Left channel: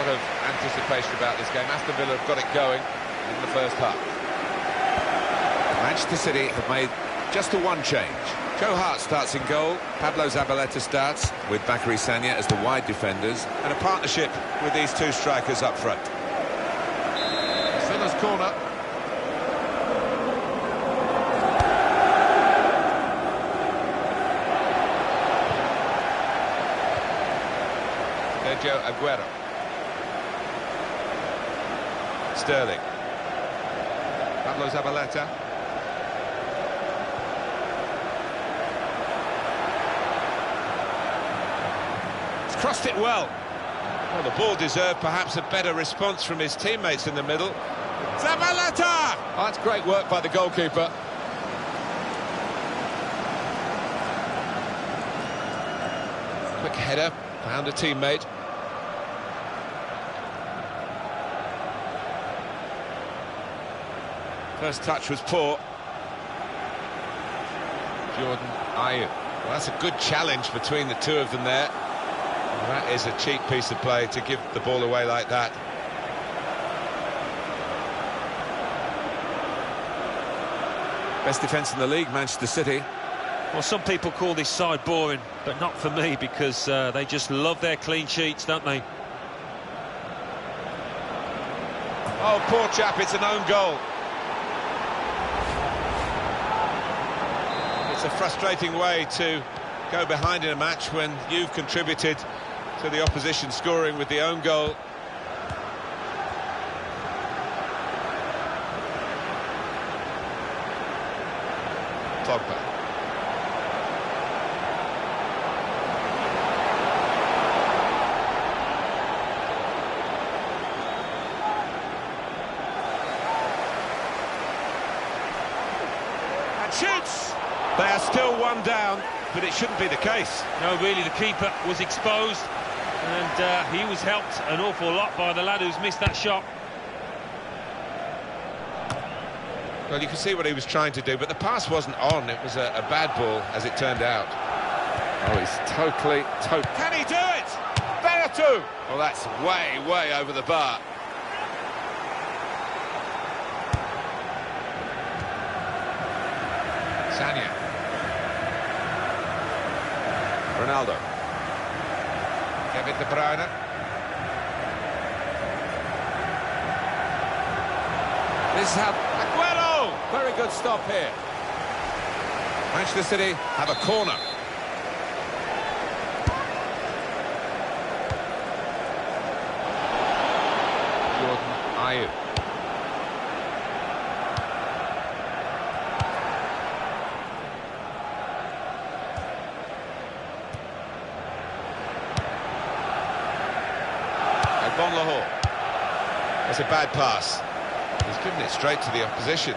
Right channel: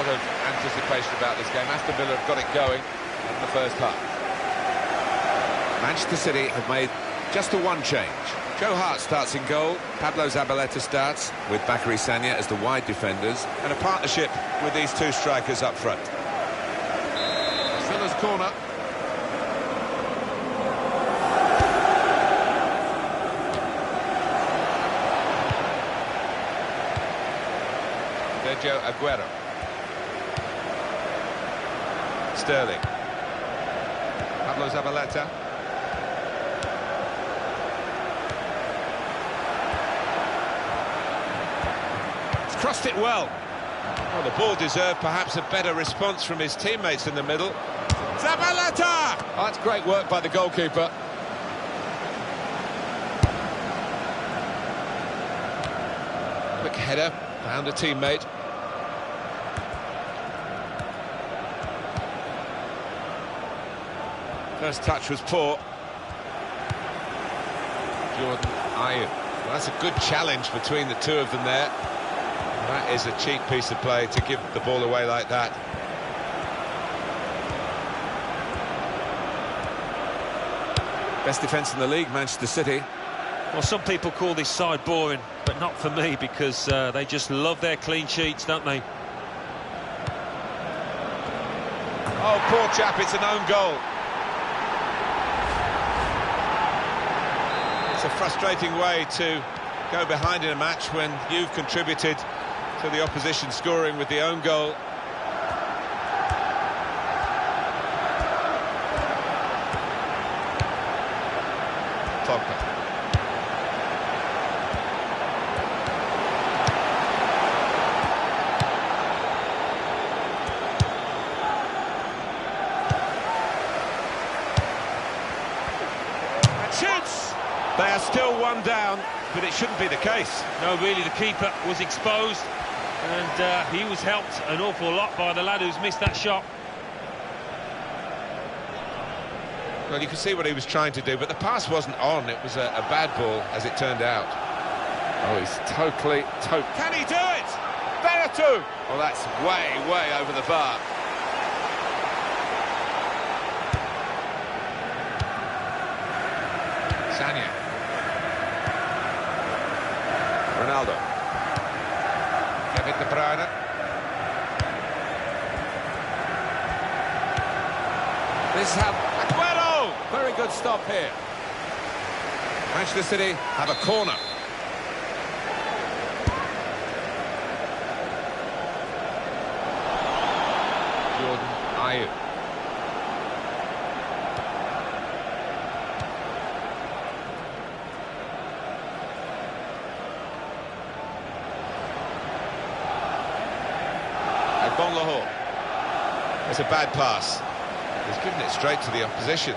lot of anticipation about this game. Aston Villa have got it going in the first half. Manchester City have made just a one change. Joe Hart starts in goal, Pablo Zabaleta starts with Bakary Sagna as the wide defenders, and a partnership with these two strikers up front. Villa's corner. Sergio Aguero. Sterling. Pablo Zabaleta. He's crossed it well. Well, the ball deserved perhaps a better response from his teammates in the middle. Zabaleta! Oh, that's great work by the goalkeeper. Quick header, found a teammate. First touch was poor. Jordan Ayew. Well, that's a good challenge between the two of them there. That is a cheap piece of play to give the ball away like that. Best defence in the league, Manchester City. Well, some people call this side boring, but not for me, because they just love their clean sheets, don't they? Oh, poor chap, it's an own goal. It's a frustrating way to go behind in a match when you've contributed to the opposition scoring with the own goal. Pogba. And shoots! They are still one down, but it shouldn't be the case. No, really, the keeper was exposed, and he was helped an awful lot by the lad who's missed that shot. Well, you can see what he was trying to do, but the pass wasn't on. It was a bad ball, as it turned out. Oh, he's totally... Can he do it? Veretout! Well, that's way over the bar. Sagna. Ronaldo. Kevin De Bruyne. This is how... Aguero! Very good stop here. Manchester City have a corner. Jordan Ayew. Agbon Lahore. It's a bad pass. He's given it straight to the opposition.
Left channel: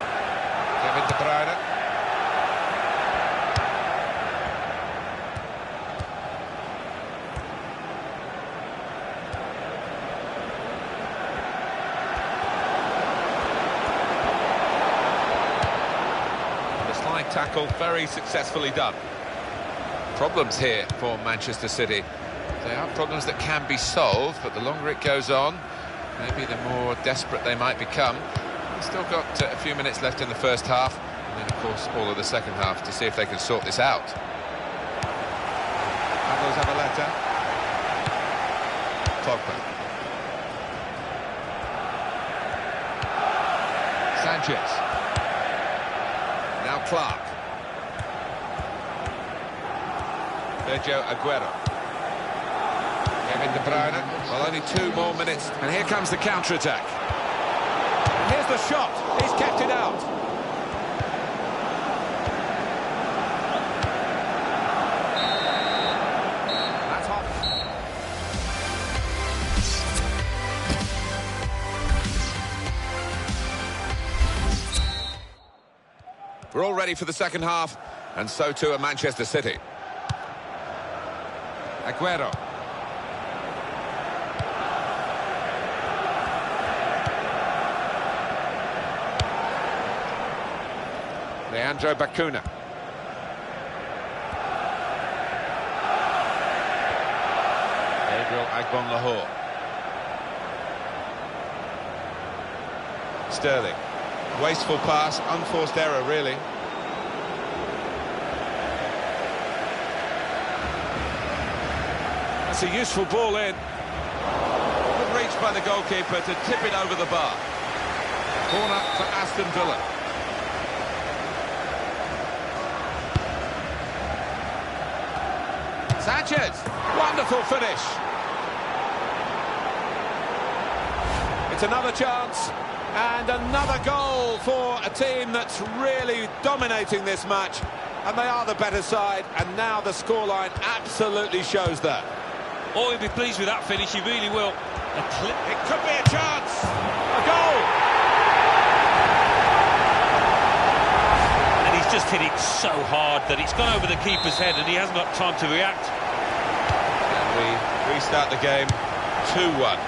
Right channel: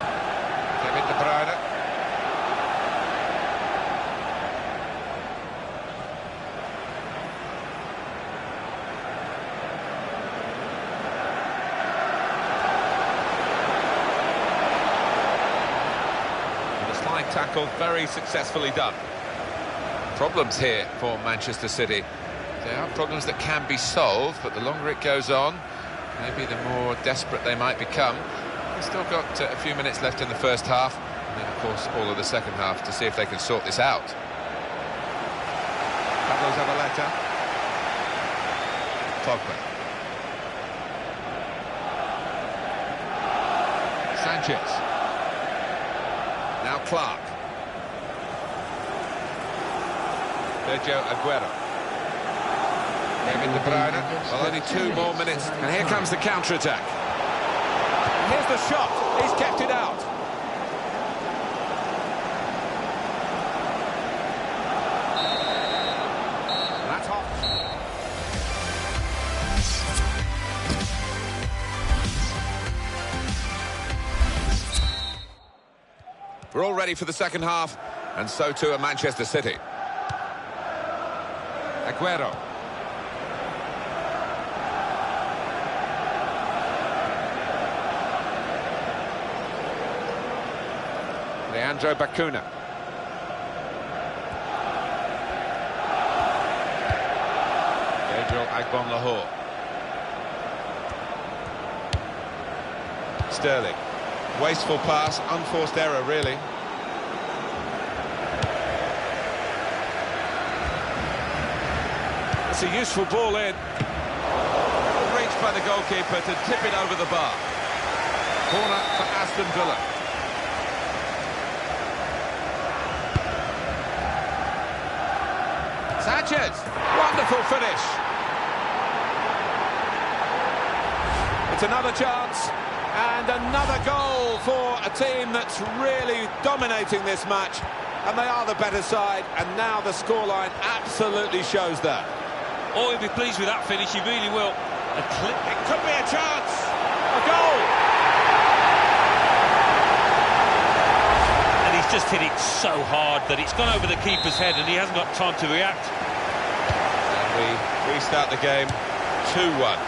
Kevin De Bruyne. And the slide tackle, very successfully done. Problems here for Manchester City. They are problems that can be solved, but the longer it goes on, maybe the more desperate they might become. They've still got a few minutes left in the first half, and then, of course, all of the second half to see if they can sort this out. Pablo Zabaleta. Pogba. Sanchez. Now Clark. Sergio Aguero. Kevin De Bruyne. Well, only 2 more minutes. And here comes the counter-attack. And here's the shot. He's kept it out. And that's off. We're all ready for the second half, and so too are Manchester City. Aguero. Leandro Bacuna. Gabriel Agbon-Lahore. Sterling. Wasteful pass, unforced error, really. That's a useful ball in. Good reach by the goalkeeper to tip it over the bar. Corner for Aston Villa. Sanchez, wonderful finish. It's another chance and another goal for a team that's really dominating this match, and they are the better side, and now the scoreline absolutely shows that. Oh, he'll be pleased with that finish, he really will. It could be a chance, a goal. And he's just hit it so hard that it's gone over the keeper's head and he hasn't got time to react. And we restart the game 2-1.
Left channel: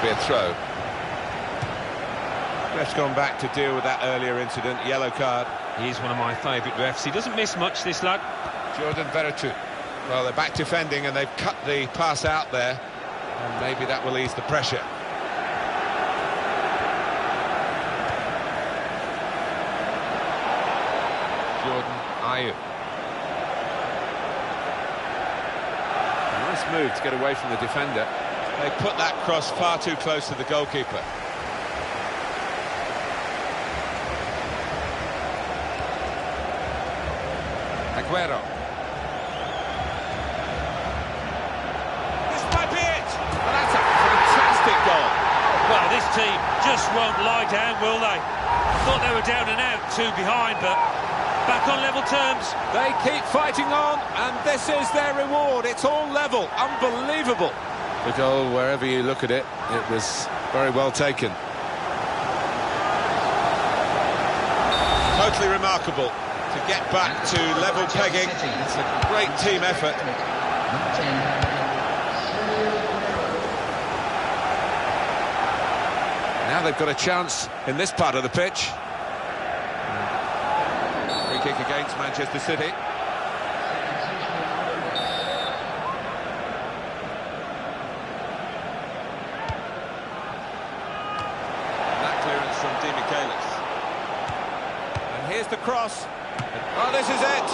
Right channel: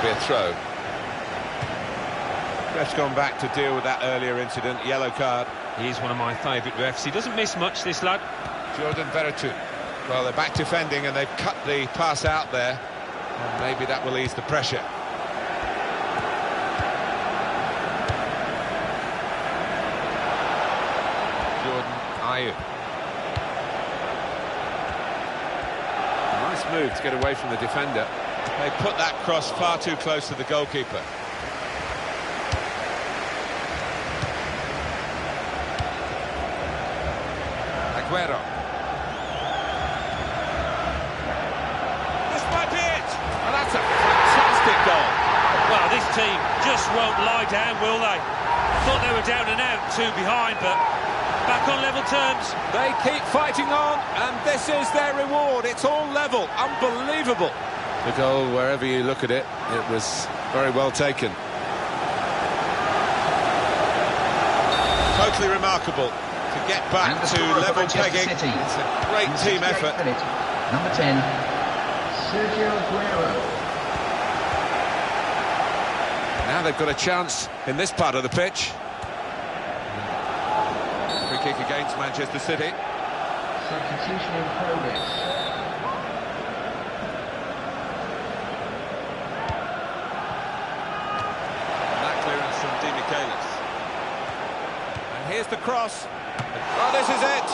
Be a throw. Ref's gone back to deal with that earlier incident. Yellow card. He's one of my favourite refs. He doesn't miss much, this lad. Jordan Veretout. Well, they're back defending and they've cut the pass out there, and maybe that will ease the pressure. Jordan Ayew. A nice move to get away from the defender. They put that cross far too close to the goalkeeper. Aguero. This might be it! Oh, that's a fantastic goal. Well, this team just won't lie down, will they? I thought they were down and out, 2 behind, but back on level terms. They keep fighting on, and this is their reward. It's all level. Unbelievable. The goal, wherever you look at it, it was very well taken. Totally remarkable to get back to level pegging. It's a great team effort. Number 10, Sergio Aguero. Now they've got a chance in this part of the pitch. Free kick against Manchester City. Substitution in progress. Clearance from Di Michaelis. And here's the cross. Oh, this is it.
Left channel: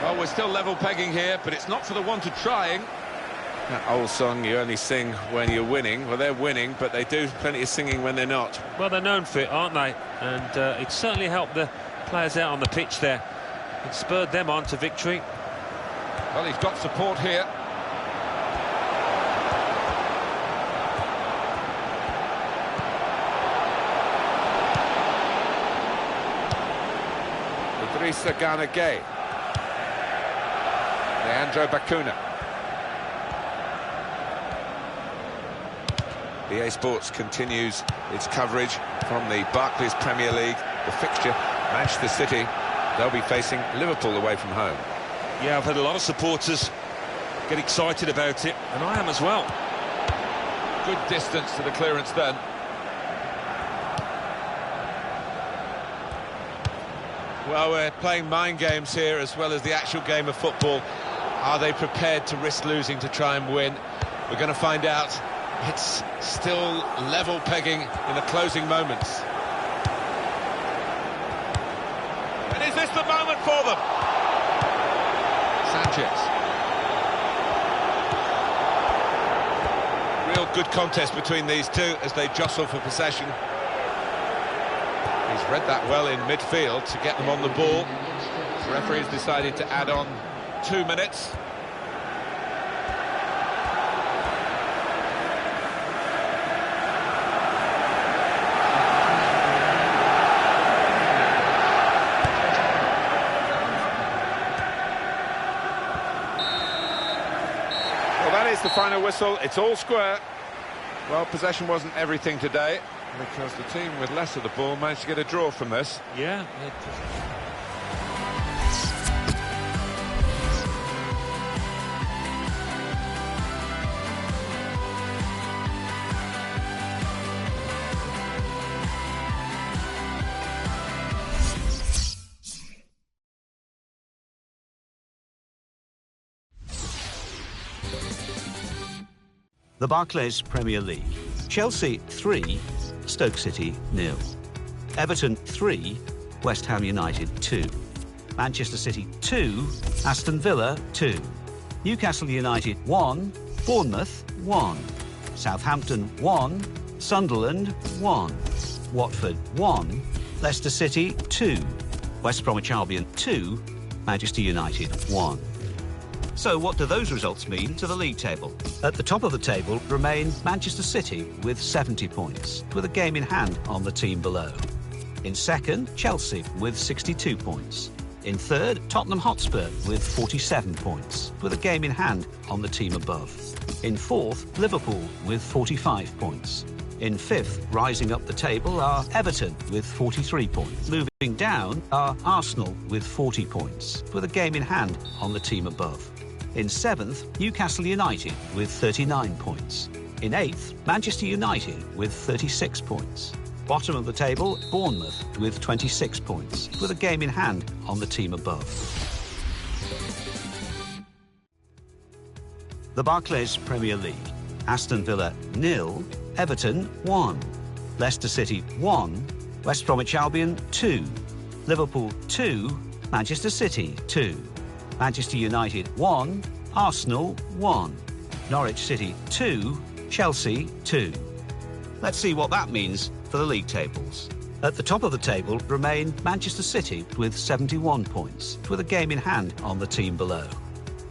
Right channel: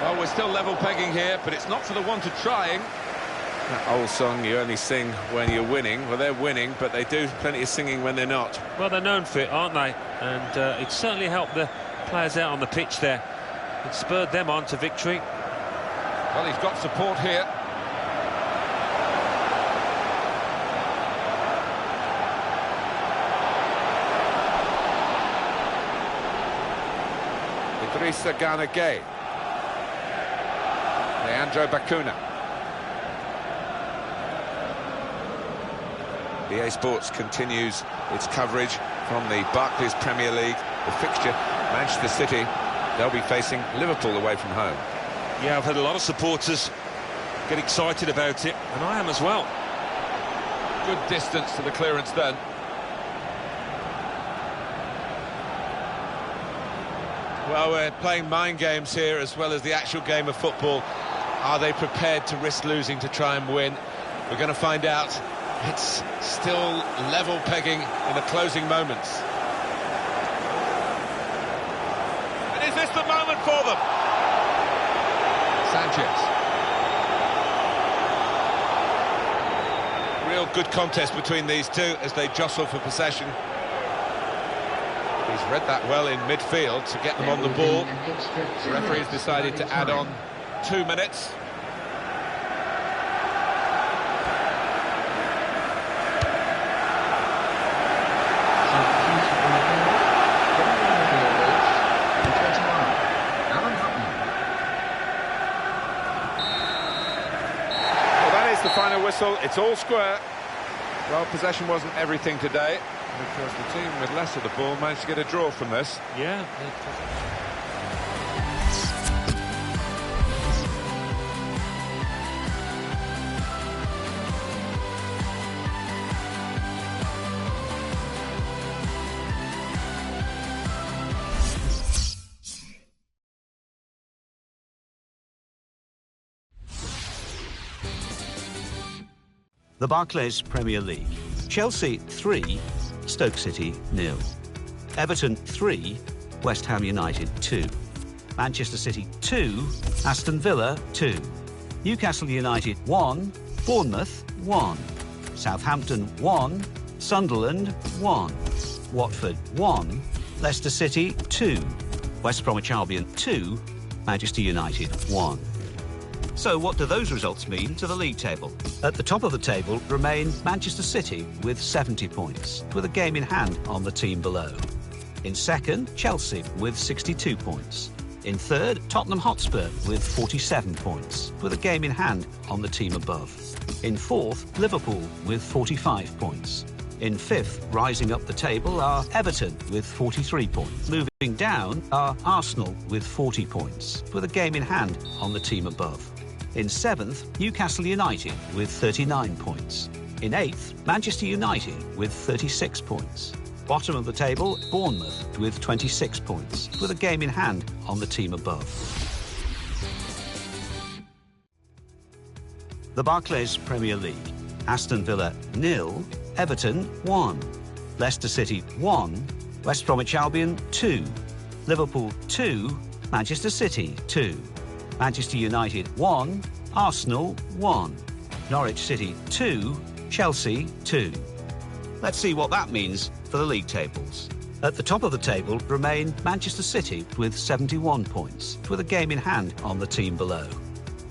Well, we're still level pegging here, but it's not for the want of trying. That old song, you only sing when you're winning. Well, they're winning, but they do plenty of singing when they're not. Well, they're known for it, aren't they? And it certainly helped the players out on the pitch there. It spurred them on to victory. Well, he's got support here. Idrissa Gana Gueye. Leandro Bacuna. EA Sports continues its coverage from the Barclays Premier League. The fixture, Manchester City. They'll be facing Liverpool away from home. Yeah, I've had a lot of supporters get excited about it, and I am as well. Good distance to the clearance then. Well, we're playing mind games here as well as the actual game of football. Are they prepared to risk losing to try and win? We're going to find out. It's still level pegging in the closing moments. Is this the moment for them? Sanchez. Real good contest between these two as they jostle for possession. He's read that well in midfield to get them on the ball. The referee has decided to add on 2 minutes. The final whistle, it's all square. Well, possession wasn't everything today, because the team with less of the ball managed to get a draw from this. Yeah. The Barclays Premier League. Chelsea 3, Stoke City 0. Everton 3, West Ham United 2. Manchester City 2, Aston Villa 2. Newcastle United 1, Bournemouth 1. Southampton 1, Sunderland 1. Watford 1, Leicester City 2. West Bromwich Albion 2, Manchester United 1. So what do those results mean to the league table? At the top of the table remain Manchester City with 70 points, with a game in hand on the team below. In second, Chelsea with 62 points. In third, Tottenham Hotspur with 47 points, with a game in hand on the team above. In fourth, Liverpool with 45 points. In fifth, rising up the table, are Everton with 43 points. Moving down are Arsenal with 40 points, with a game in hand on the team above. In seventh, Newcastle United with 39 points. In eighth, Manchester United with 36 points. Bottom of the table, Bournemouth with 26 points, with a game in hand on the team above. The Barclays Premier League. Aston Villa 0, Everton 1. Leicester City 1, West Bromwich Albion 2. Liverpool 2, Manchester City 2. Manchester United 1, Arsenal 1. Norwich City 2, Chelsea 2. Let's see what that means for the league tables. At the top of the table remain Manchester City with 71 points, with a game in hand on the team below.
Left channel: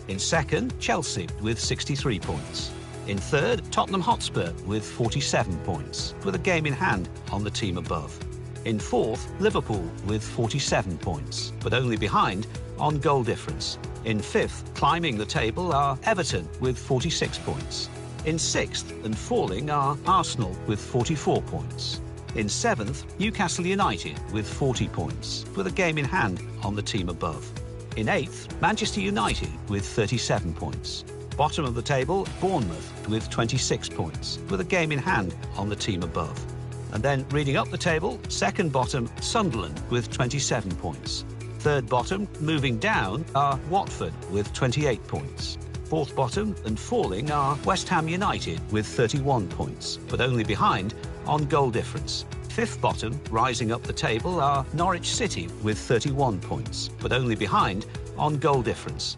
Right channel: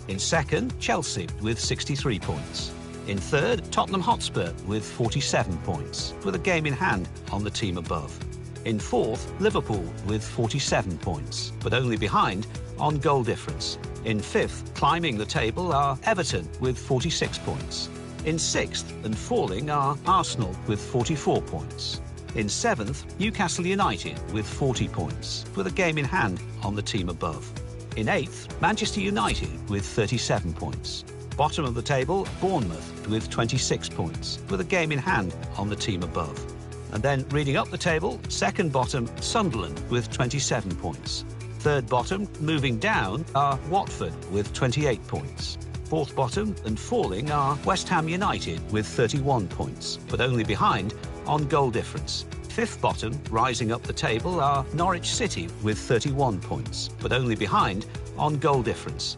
In second, Chelsea with 63 points. In third, Tottenham Hotspur with 47 points, with a game in hand on the team above. In fourth, Liverpool with 47 points, but only behind on goal difference. In fifth, climbing the table, are Everton with 46 points. In sixth and falling are Arsenal with 44 points. In seventh, Newcastle United with 40 points, with a game in hand on the team above. In eighth, Manchester United with 37 points. Bottom of the table, Bournemouth with 26 points, with a game in hand on the team above. And then reading up the table, second bottom, Sunderland with 27 points. Third bottom, moving down, are Watford with 28 points. Fourth bottom and falling are West Ham United with 31 points, but only behind on goal difference. Fifth bottom, rising up the table, are Norwich City with 31 points, but only behind on goal difference.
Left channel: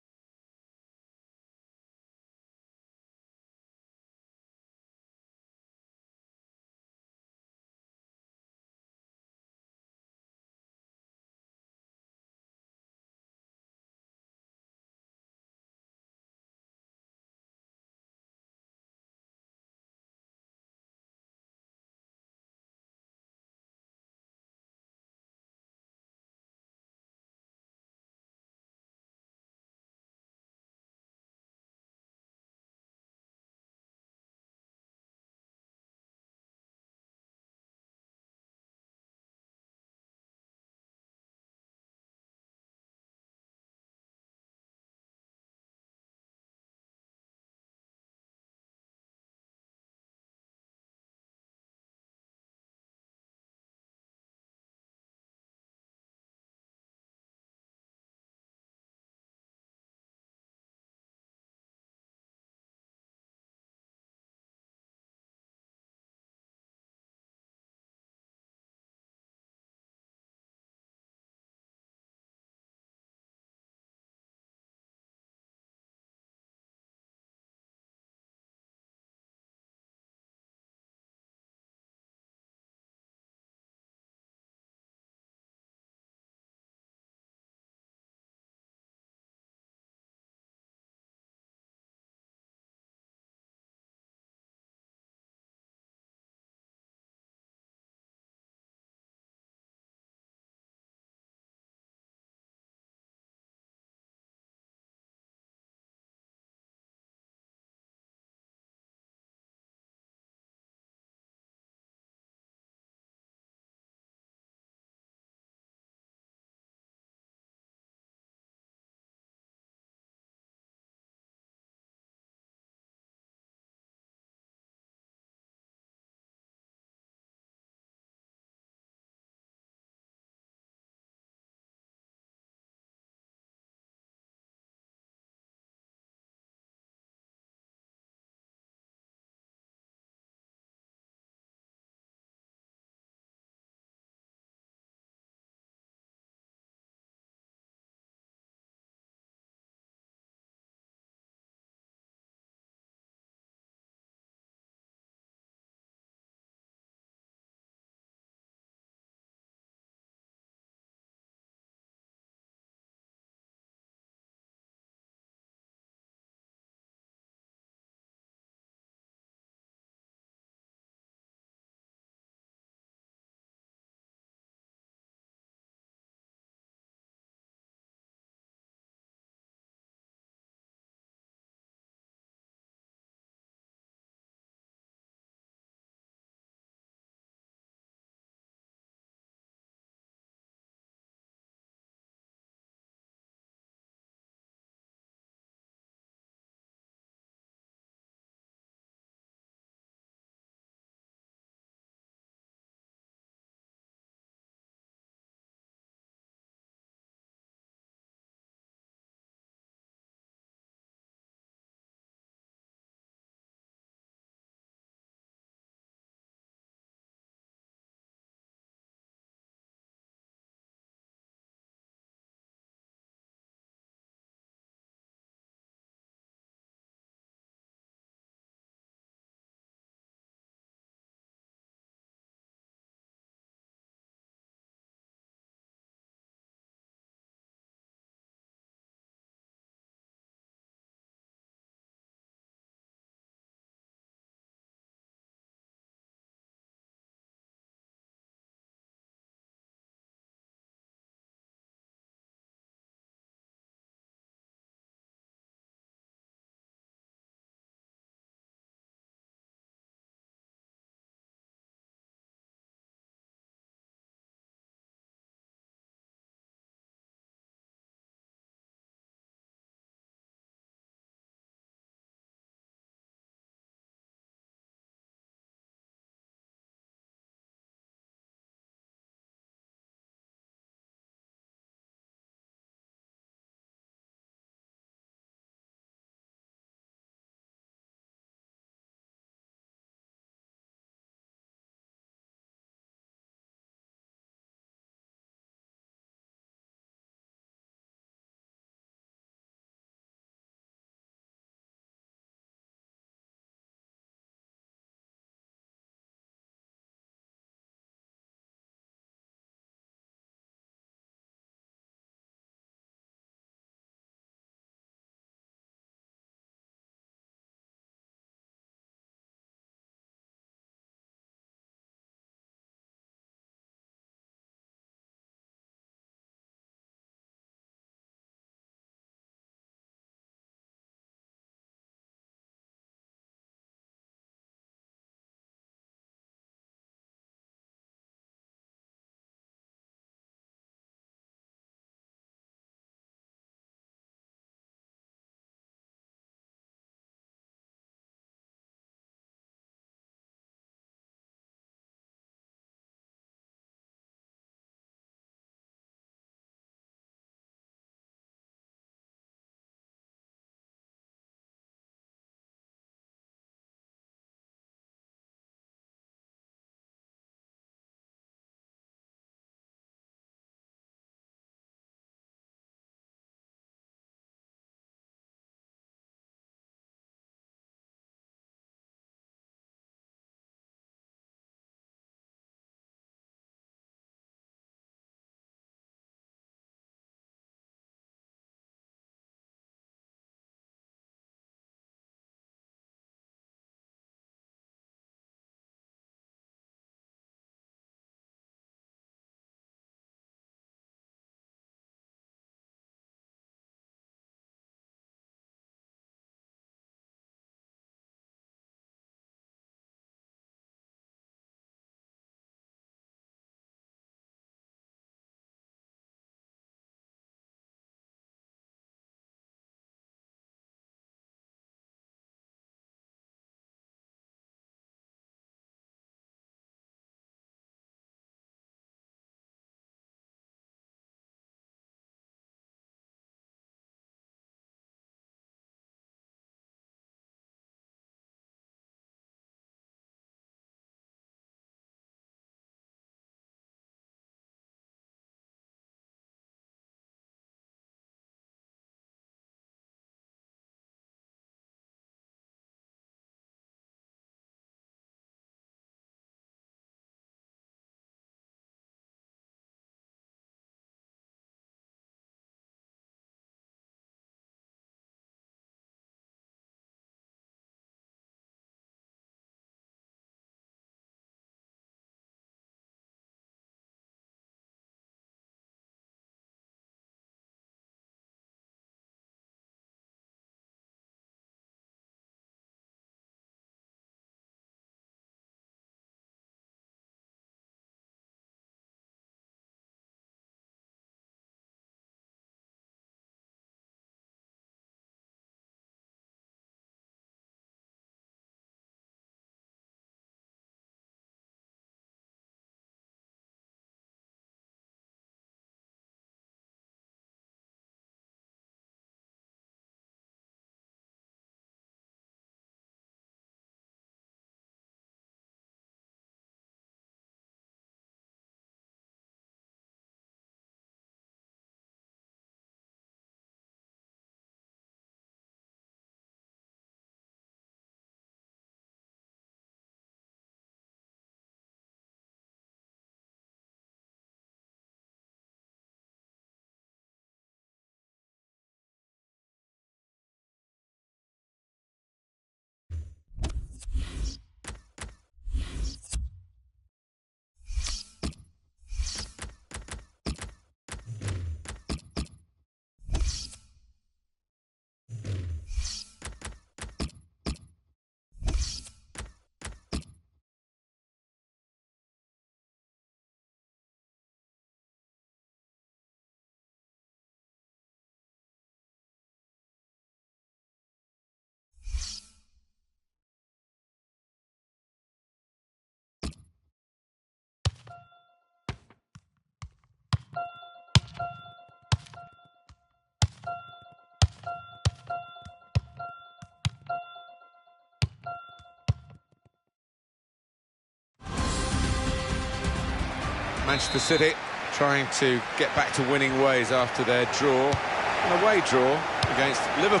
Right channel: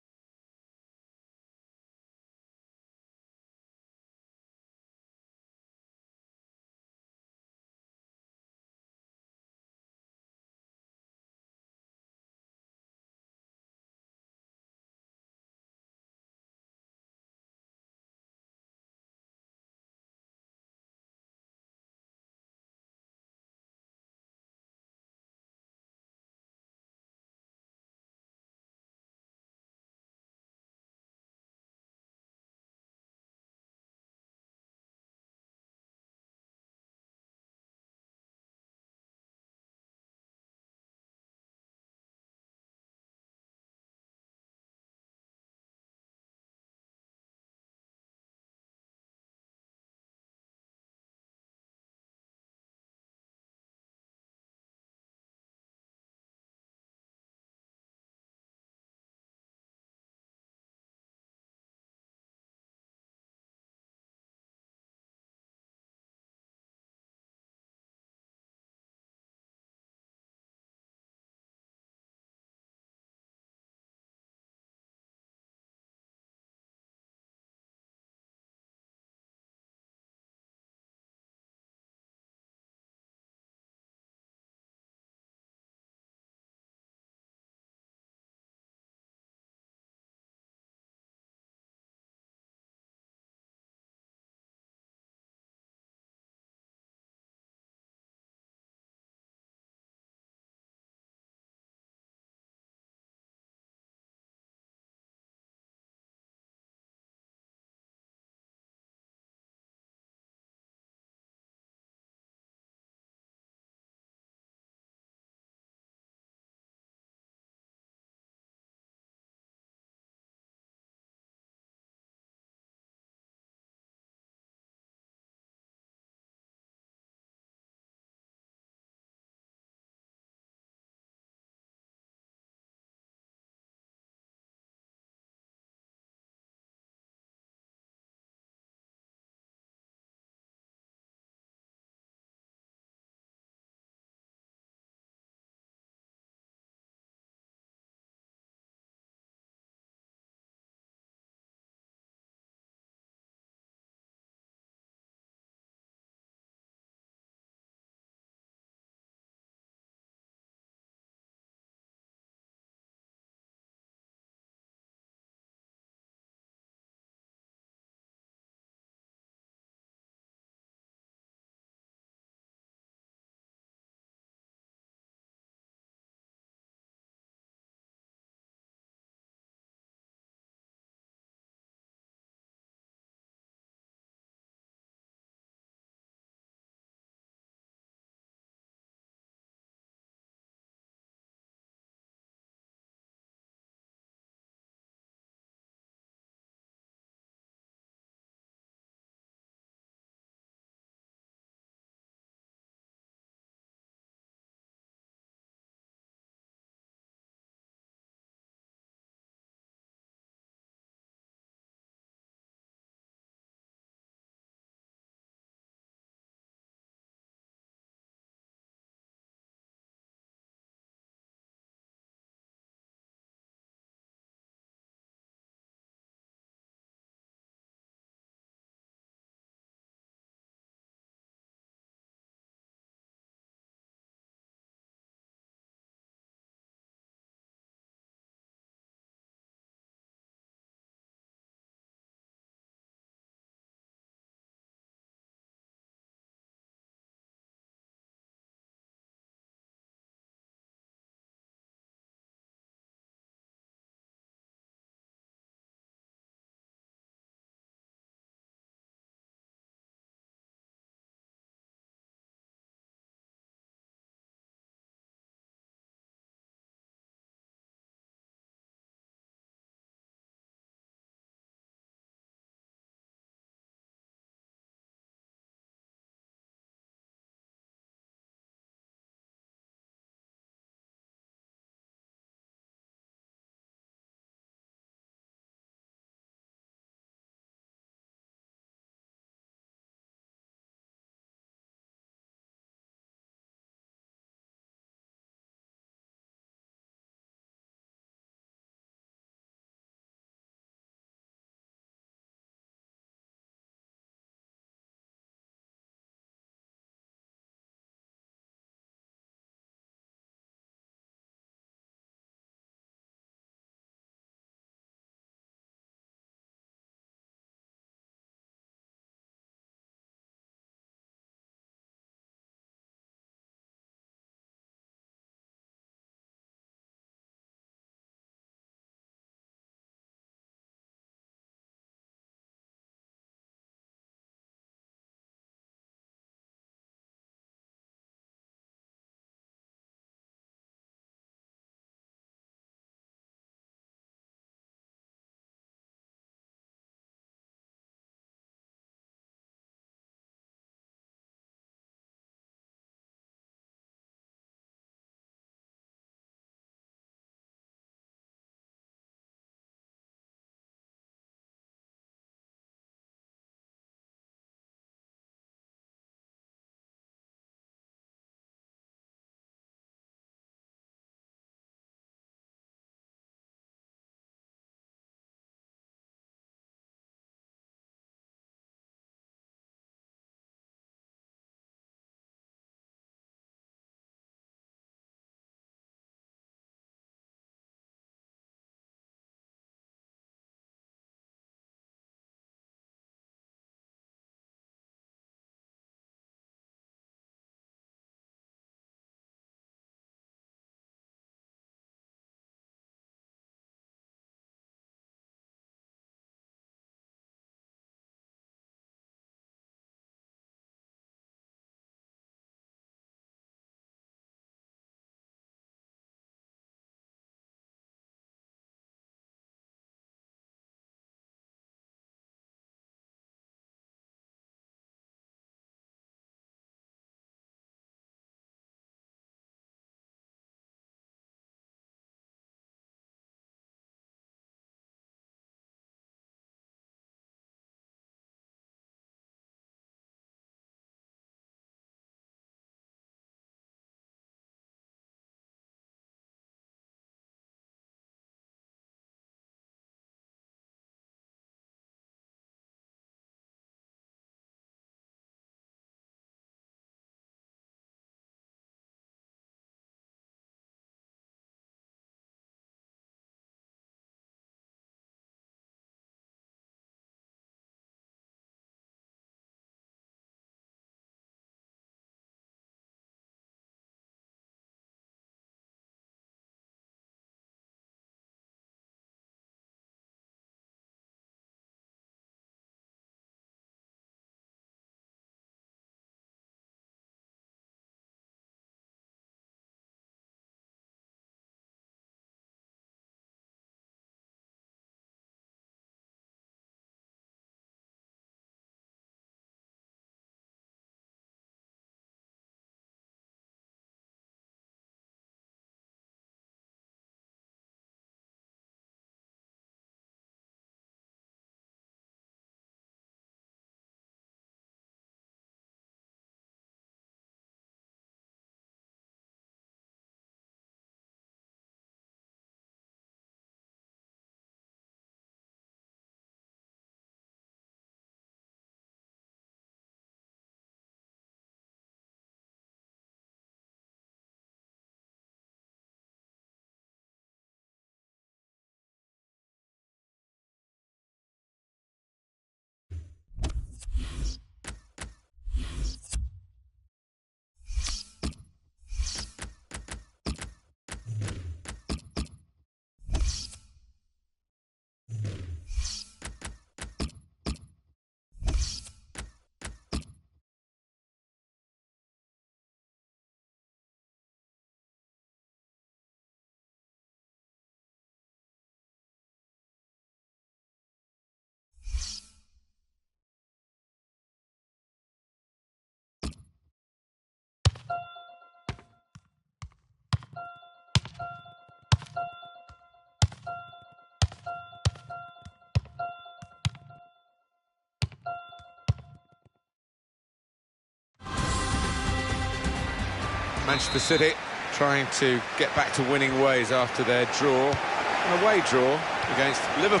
Manchester City trying to get back to winning ways after their draw, an away draw against Liverpool.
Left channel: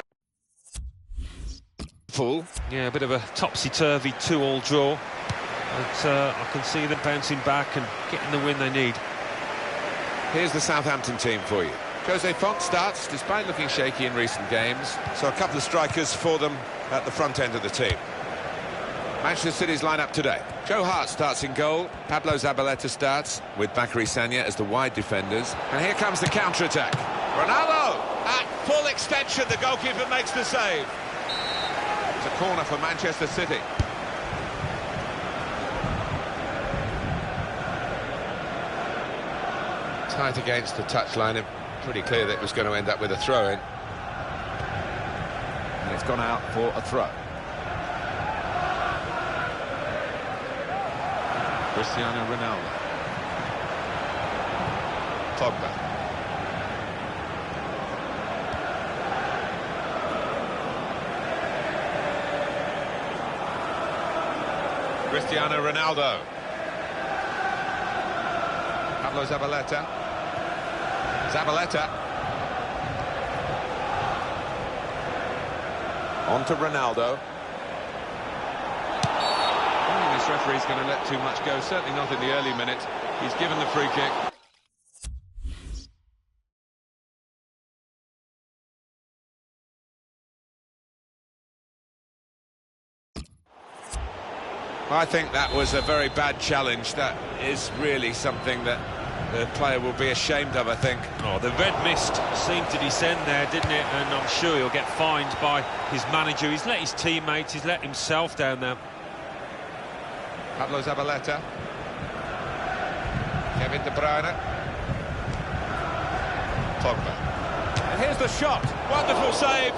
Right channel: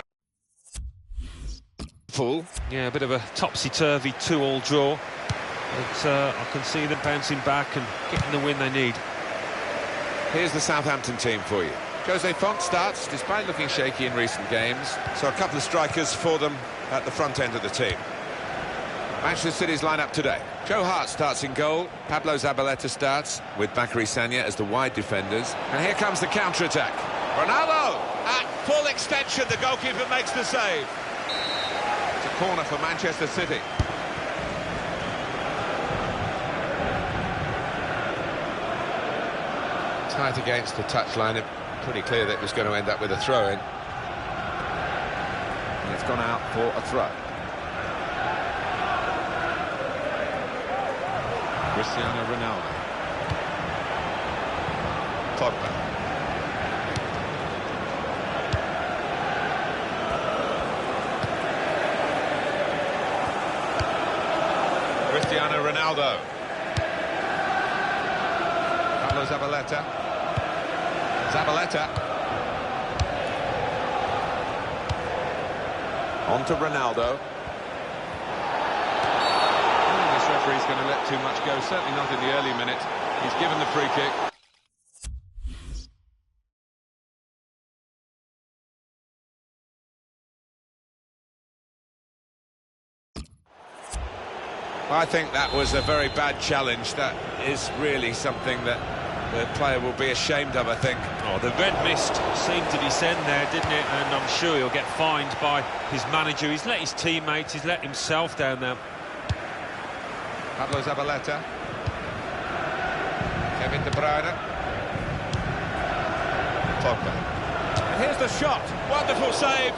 Yeah, a bit of a topsy-turvy 2-all draw, but I can see them bouncing back and getting the win they need. Here's the Southampton team for you. Jose Font starts, despite looking shaky in recent games, so a couple of strikers for them at the front end of the team. Manchester City's lineup today. Joe Hart starts in goal, Pablo Zabaleta starts, with Bakary Sagna as the wide defenders, and here comes the counter-attack. Ronaldo, at full extension, the goalkeeper makes the save. It's a corner for Manchester City. Tight against the touchline, and pretty clear that it was going to end up with a throw-in. And it's gone out for a throw. Cristiano Ronaldo. Pogba. Cristiano Ronaldo. Pablo Zabaleta. Zabaleta. On to Ronaldo. I don't think this referee's going to let too much go, certainly not in the early minutes. He's given the free kick. I think that was a very bad challenge. That is really something that the player will be ashamed of, I think. Oh, the red mist seemed to descend there, didn't it? And I'm sure he'll get fined by his manager. He's let his teammates, he's let himself down there. Pablo Zabaleta. Kevin De Bruyne. Pogba. And here's the shot. Wonderful save.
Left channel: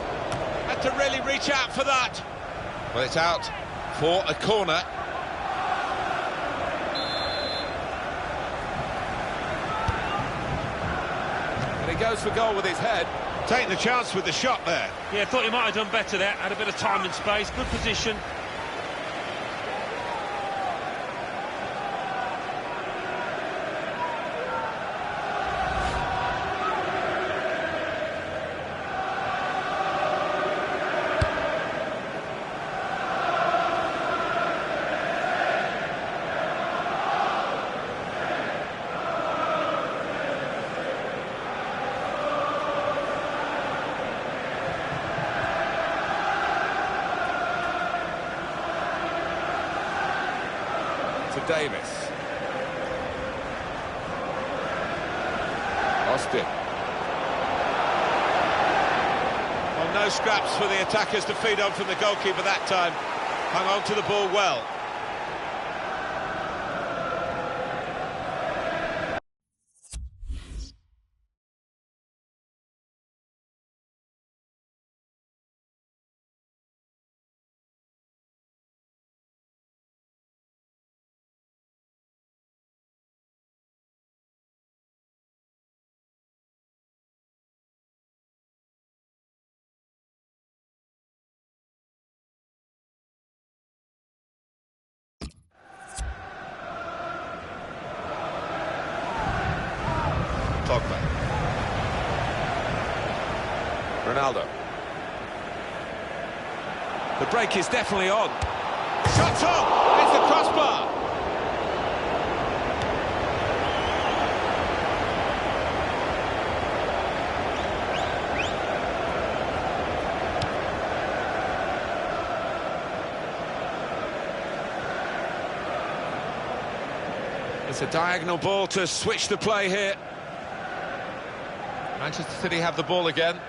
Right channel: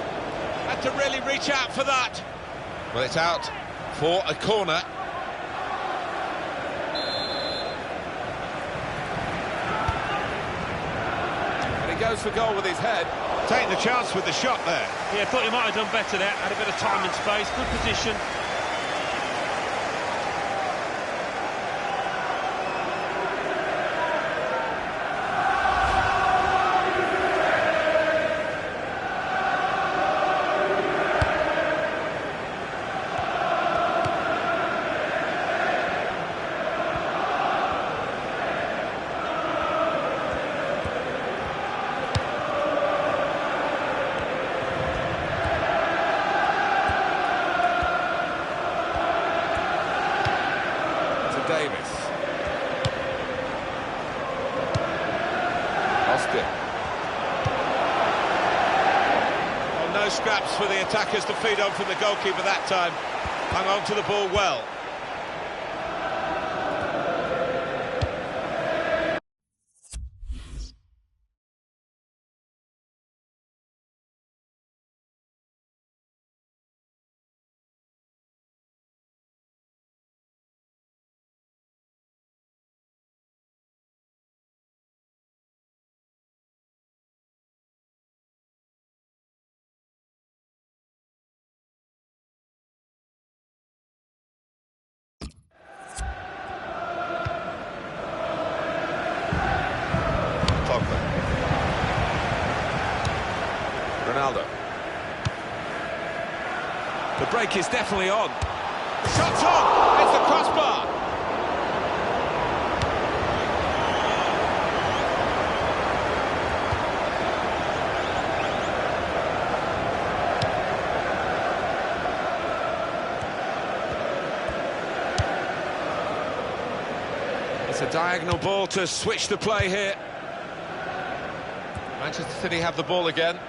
Had to really reach out for that. Well, it's out for a corner. And he goes for goal with his head. Taking the chance with the shot there. Yeah, thought he might have done better there. Had a bit of time and space. Good position. Davis. Austin. Well, no scraps for the attackers to feed on from the goalkeeper that time. Hung on to the ball well. Pogba. Ronaldo. The break is definitely on. The shot's on! It's the crossbar! It's a diagonal ball to switch the play here. Manchester City have the ball again.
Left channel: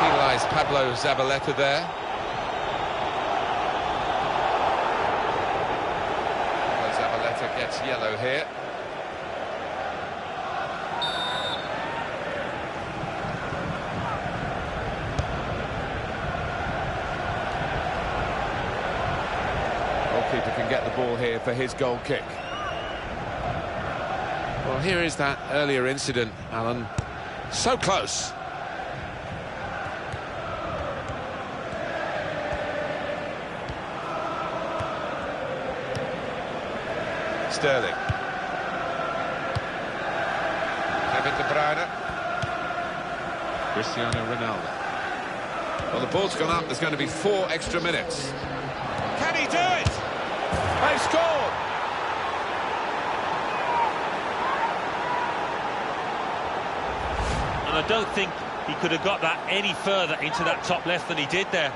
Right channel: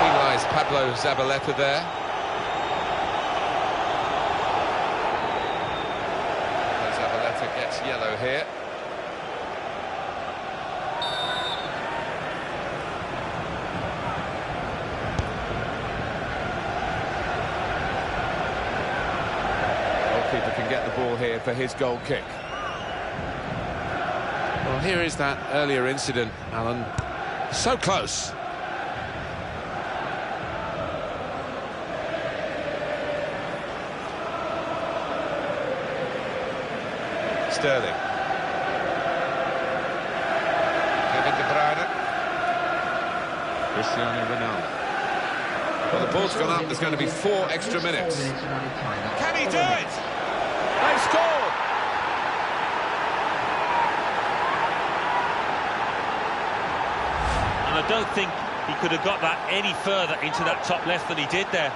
Penalised Pablo Zabaleta there. Pablo Zabaleta gets yellow here. Keeper can get the ball here for his goal kick. Well, here is that earlier incident, Alan. So close. Sterling. Kevin De Bruyne. Cristiano Ronaldo. Well, the ball's gone up. There's going to be 4 extra minutes. Can he do it? They've scored. And I don't think he could have got that any further into that top left than he did there.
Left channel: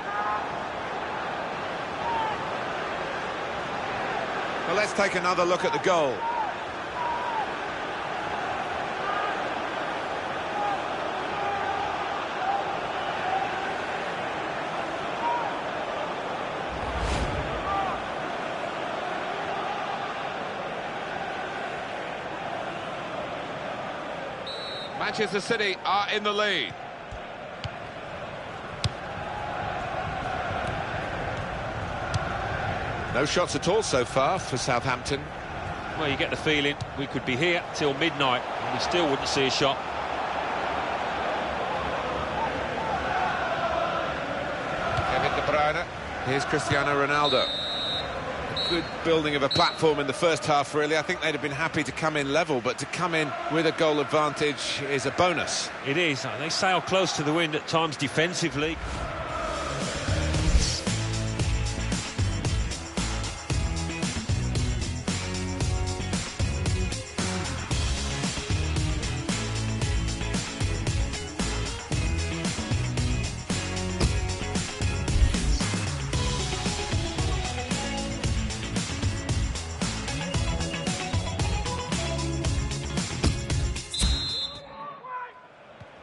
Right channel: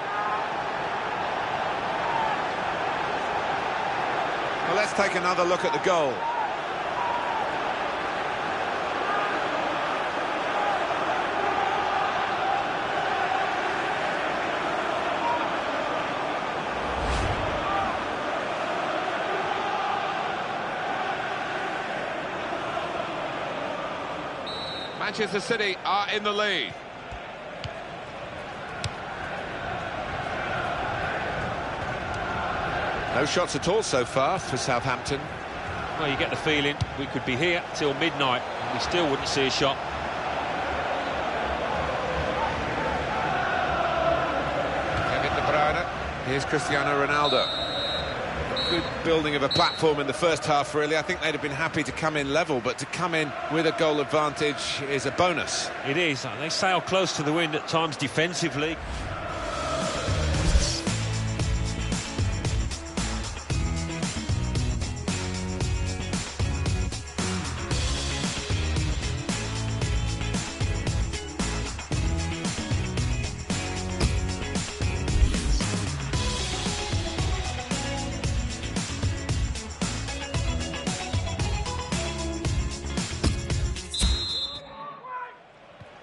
Well, let's take another look at the goal. Manchester City are in the lead. No shots at all so far for Southampton. Well, you get the feeling we could be here till midnight and we still wouldn't see a shot. Kevin De Bruyne. Here's Cristiano Ronaldo. A good building of a platform in the first half, really. I think they'd have been happy to come in level, but to come in with a goal advantage is a bonus. It is. They sail close to the wind at times defensively.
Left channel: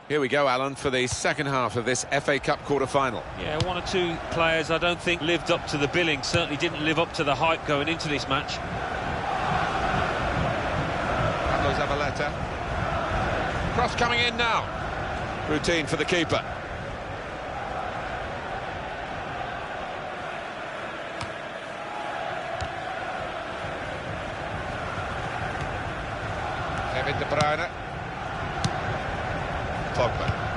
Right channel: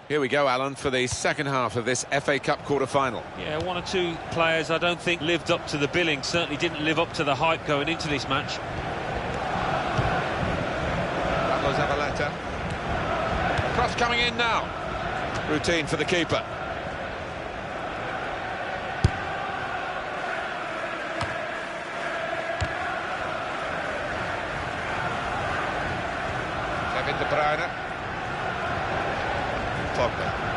Here we go, Alan, for the second half of this FA Cup quarter-final. Yeah, 1 or 2 players I don't think lived up to the billing, certainly didn't live up to the hype going into this match. Pablo Zabaleta. Cross coming in now. Routine for the keeper. Kevin De Bruyne. Pogba.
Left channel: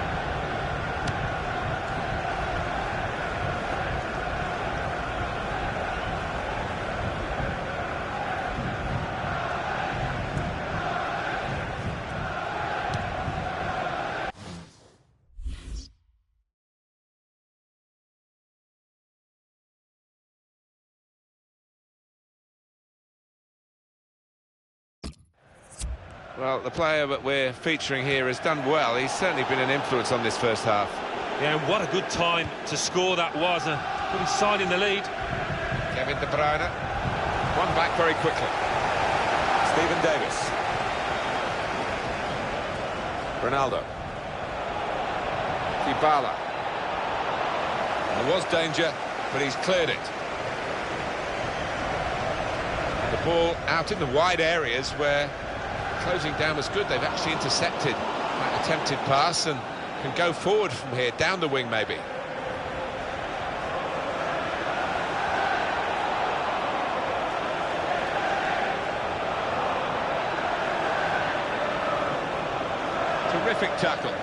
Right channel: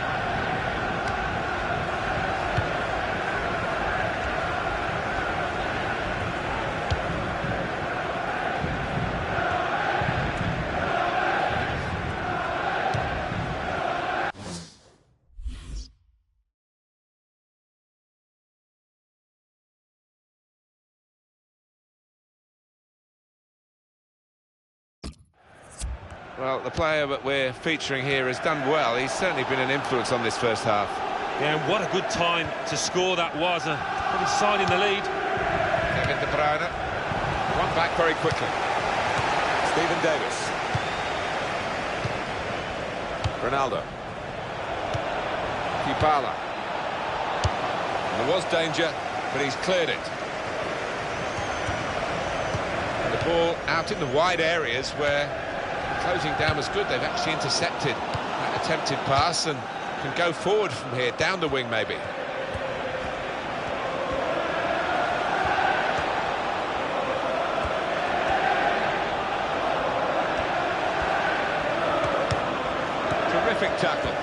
Well, the player that we're featuring here has done well. He's certainly been an influence on this first half. Yeah, and what a good time to score that was. Put his side in the lead. Kevin De Bruyne. One back very quickly. Stephen Davis. Ronaldo. Dybala. And there was danger, but he's cleared it. And the ball out in the wide areas where closing down was good. They've actually intercepted that attempted pass and can go forward from here, down the wing maybe. Terrific tackle.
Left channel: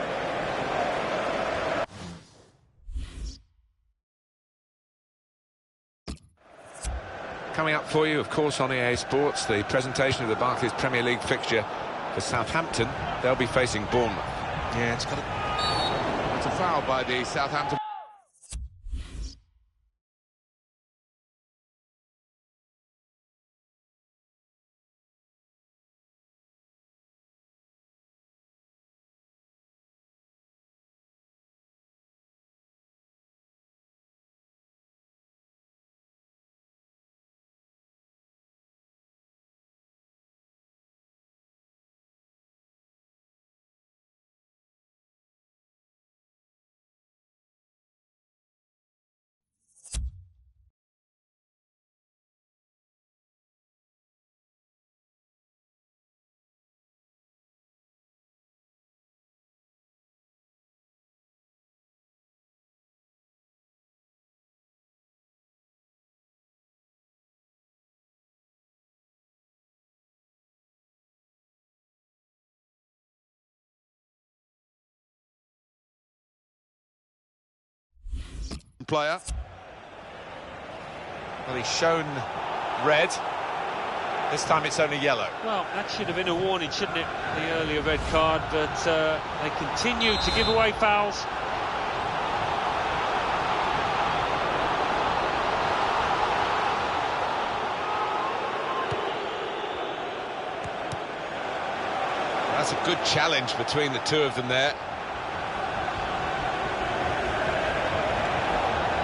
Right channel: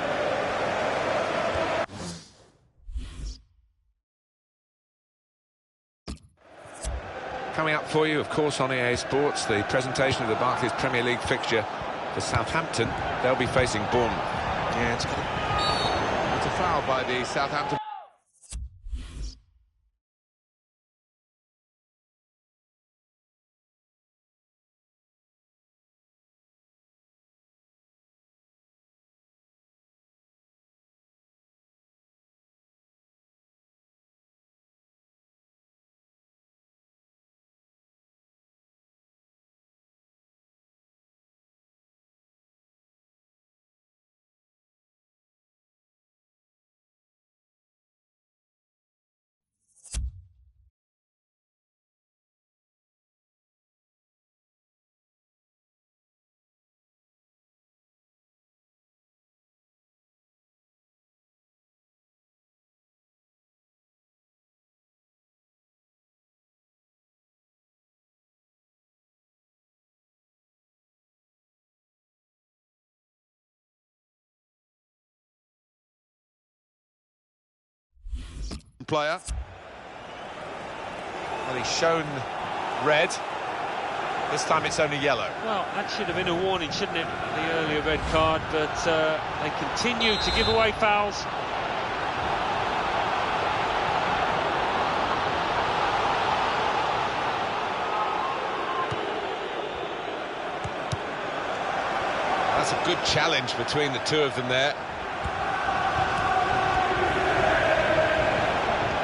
Coming up for you, of course, on EA Sports, the presentation of the Barclays Premier League fixture for Southampton. They'll be facing Bournemouth. Yeah, it's a foul by the Southampton. player. Well, he's shown red. This time it's only yellow. Well, that should have been a warning, shouldn't it? The earlier red card, but they continue to give away fouls. That's a good challenge between the two of them there.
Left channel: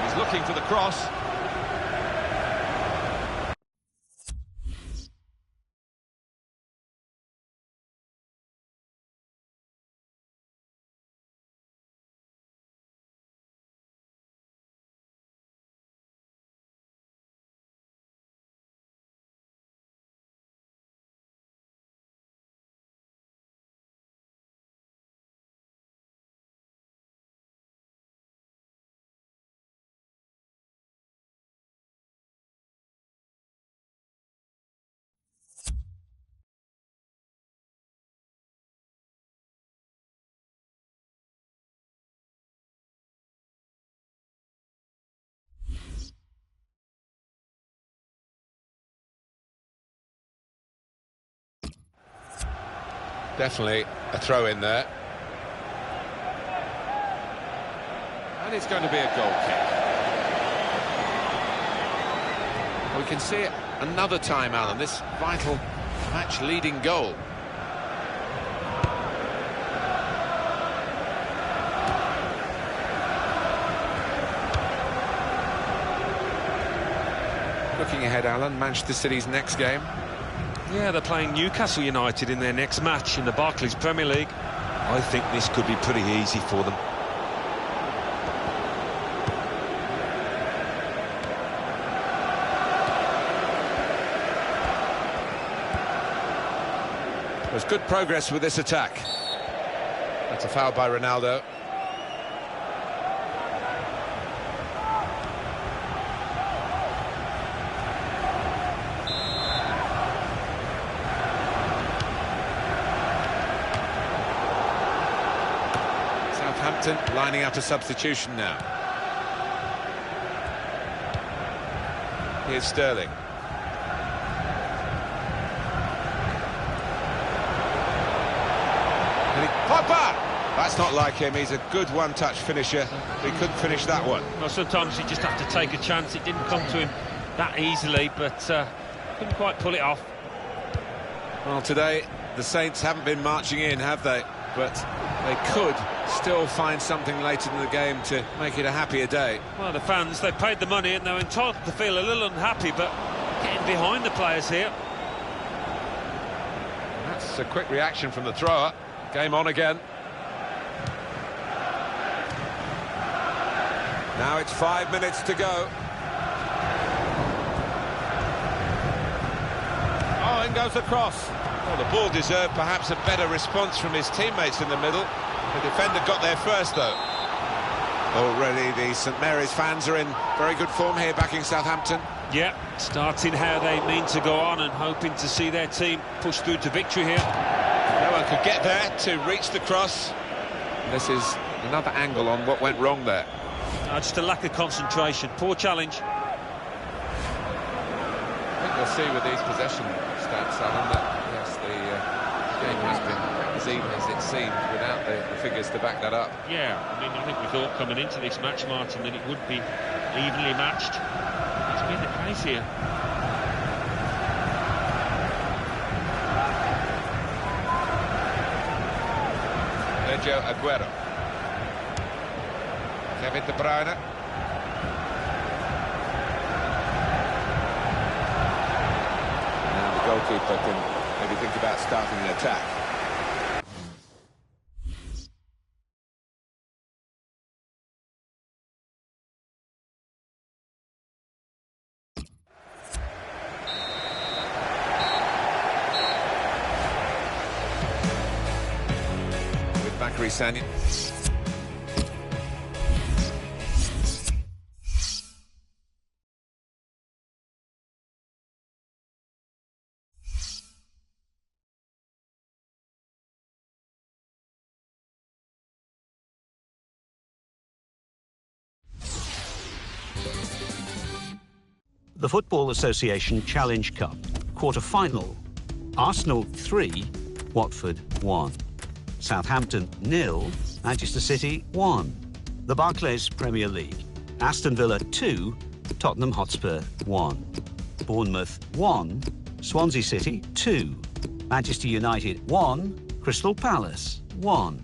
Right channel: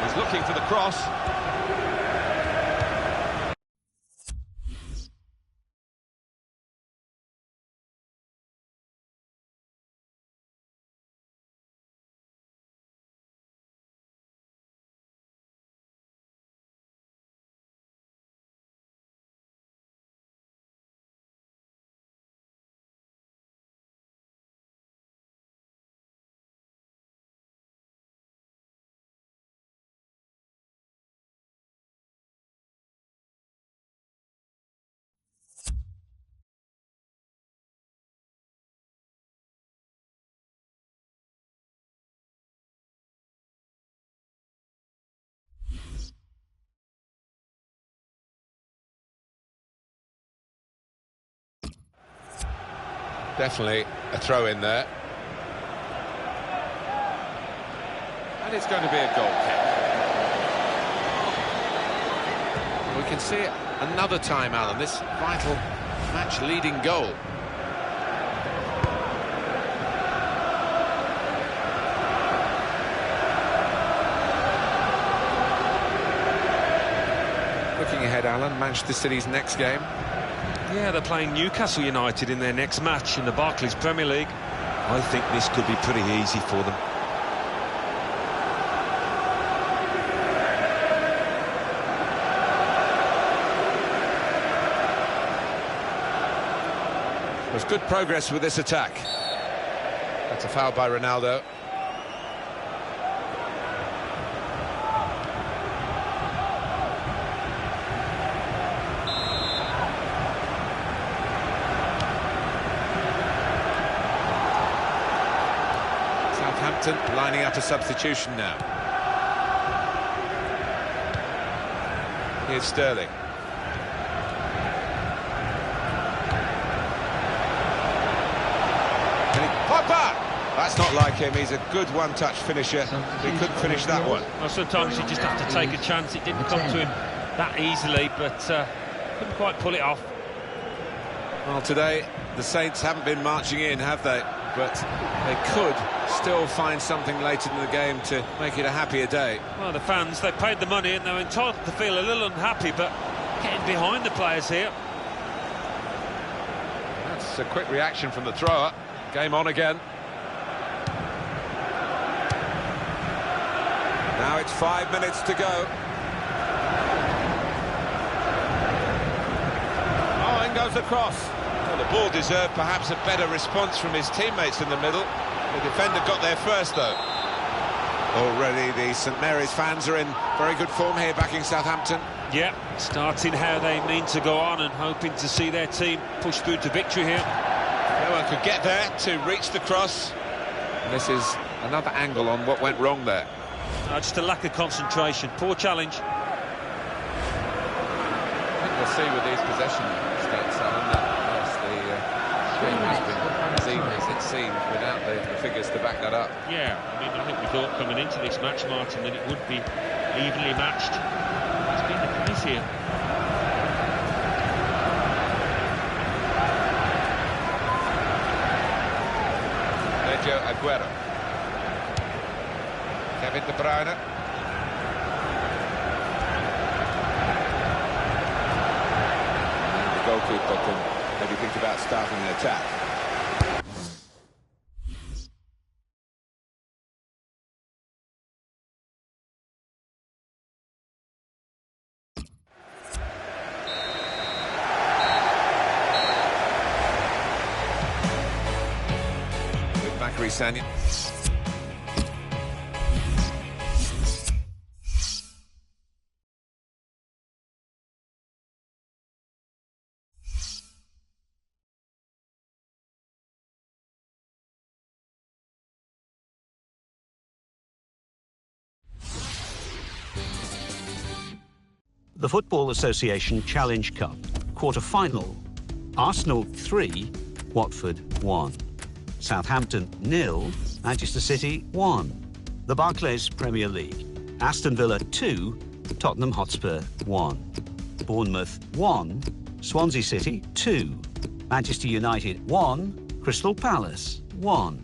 He's looking for the cross. Definitely a throw in there. And it's going to be a goal kick. We can see it another time, Alan, this vital match-leading goal. Looking ahead, Alan, Manchester City's next game. Yeah, they're playing Newcastle United in their next match in the Barclays Premier League. I think this could be pretty easy for them. There's good progress with this attack. That's a foul by Ronaldo. Southampton lining up a substitution now. Here's Sterling. Pogba! That's not like him. He's a good one-touch finisher. He couldn't finish that one. Well, sometimes you just have to take a chance. It didn't come to him that easily, but couldn't quite pull it off. Well, today the Saints haven't been marching in, have they? But they could still find something later in the game to make it a happier day. Well, the fans, they paid the money and they're entitled to feel a little unhappy, but getting behind the players here. That's a quick reaction from the thrower. Game on again. Now it's 5 minutes to go. Oh, in goes the cross. Well, the ball deserved perhaps a better response from his teammates in the middle. The defender got there first, though. Already the St Mary's fans are in very good form here, backing Southampton. Yeah, starting how they mean to go on and hoping to see their team push through to victory here. No one could get there to reach the cross. And this is another angle on what went wrong there. Just a lack of concentration. Poor challenge. I think we'll see with these possession stats, Alan, that yes, the game has been as even as it seemed without the figures to back that up. Yeah, I mean, I think we thought coming into this match, Martin, that it would be evenly matched. That's been the case here. Sergio Aguero. Kevin De Bruyne. Now the goalkeeper can maybe think about starting an attack. With Bakary Sagna. The Football Association Challenge Cup, quarter-final. Arsenal 3, Watford 1. Southampton 0, Manchester City 1. The Barclays Premier League. Aston Villa 2, Tottenham Hotspur 1. Bournemouth 1, Swansea City 2. Manchester United 1, Crystal Palace 1.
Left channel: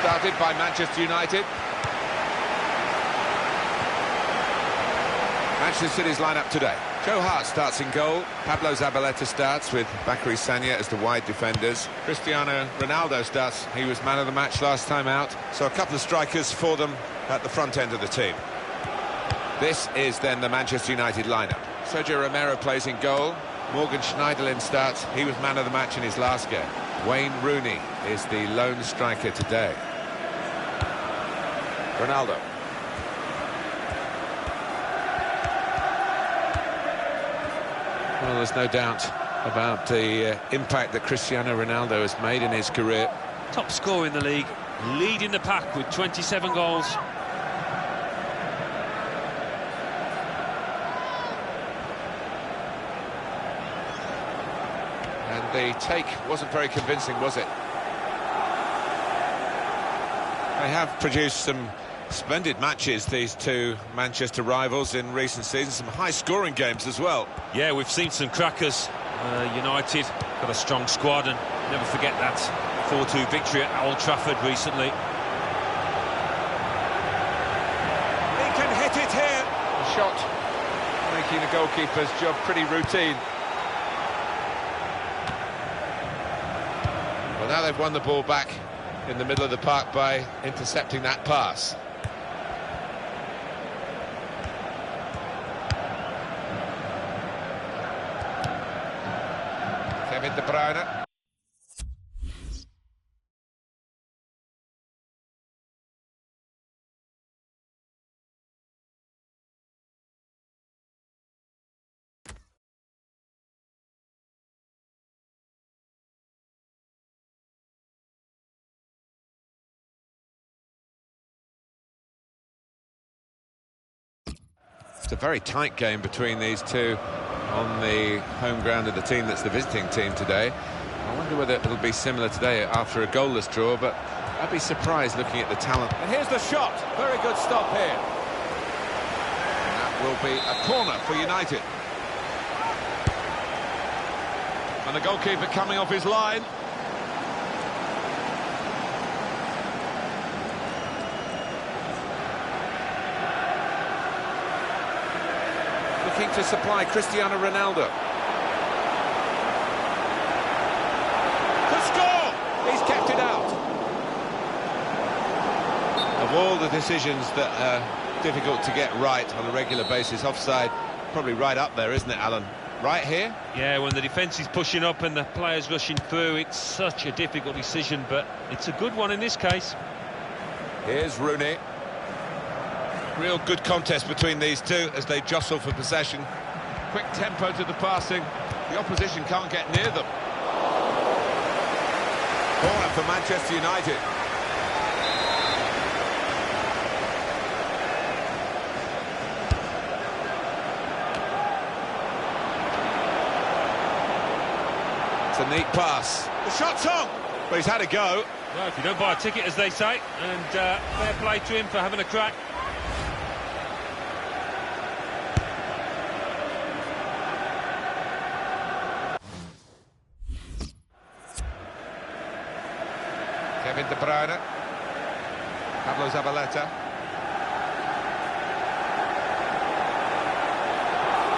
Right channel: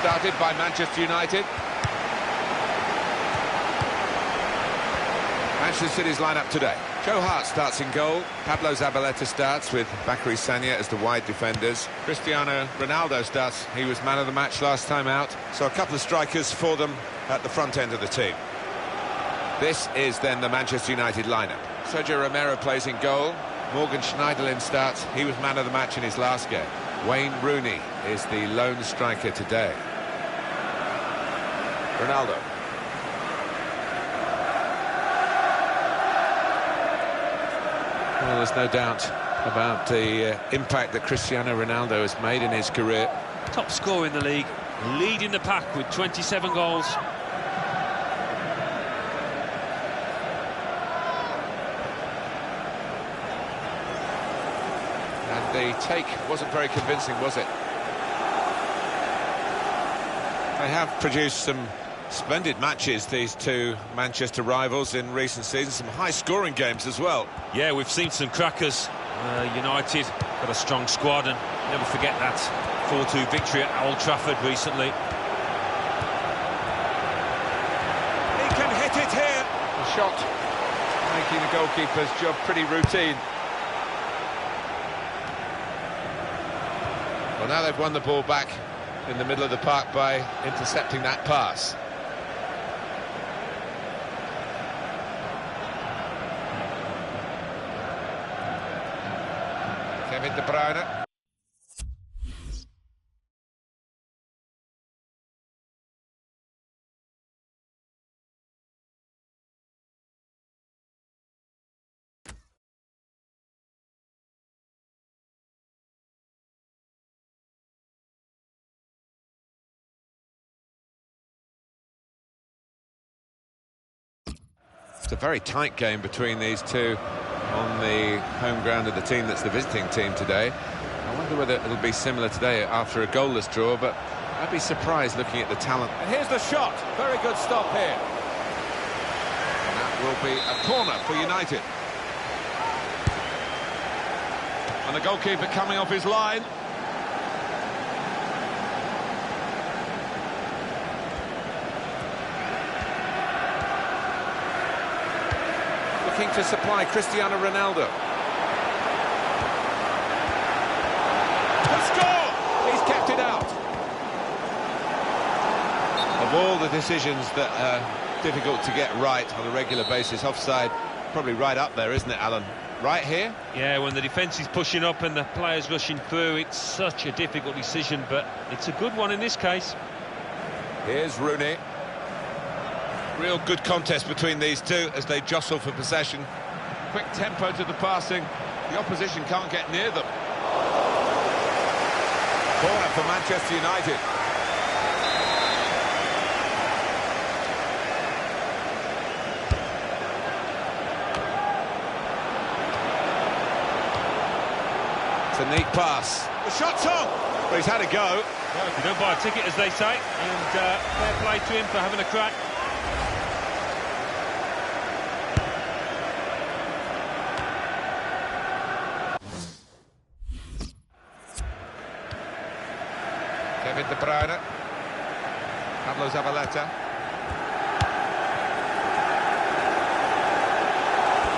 Started by Manchester United. Manchester City's lineup today. Joe Hart starts in goal. Pablo Zabaleta starts with Bakary Sagna as the wide defenders. Cristiano Ronaldo starts. He was man of the match last time out. So a couple of strikers for them at the front end of the team. This is then the Manchester United lineup. Sergio Romero plays in goal. Morgan Schneiderlin starts. He was man of the match in his last game. Wayne Rooney is the lone striker today. Ronaldo. Well, there's no doubt about the impact that Cristiano Ronaldo has made in his career. Top scorer in the league, leading the pack with 27 goals. And the take wasn't very convincing, was it? They have produced some splendid matches, these two Manchester rivals, in recent seasons. Some high-scoring games as well. Yeah, we've seen some crackers. United got a strong squad, and never forget that 4-2 victory at Old Trafford recently. He can hit it here. A shot making the goalkeeper's job pretty routine. Well, now they've won the ball back in the middle of the park by intercepting that pass. Kevin De Bruyne. It's a very tight game between these two on the home ground of the team that's the visiting team today. I wonder whether it'll be similar today after a goalless draw, but I'd be surprised looking at the talent. And here's the shot. Very good stop here. And that will be a corner for United. And the goalkeeper coming off his line. Looking to supply Cristiano Ronaldo. To score! He's kept it out. Of all the decisions that are difficult to get right on a regular basis, offside probably right up there, isn't it, Alan? Right here? Yeah, when the defence is pushing up and the players rushing through, it's such a difficult decision, but it's a good one in this case. Here's Rooney. Real good contest between these two as they jostle for possession. Quick tempo to the passing. The opposition can't get near them. Corner for Manchester United. It's a neat pass. The shot's on, but he's had a go. Well, if you don't buy a ticket, as they say, and fair play to him for having a crack. Kevin De Bruyne. Pablo Zabaleta.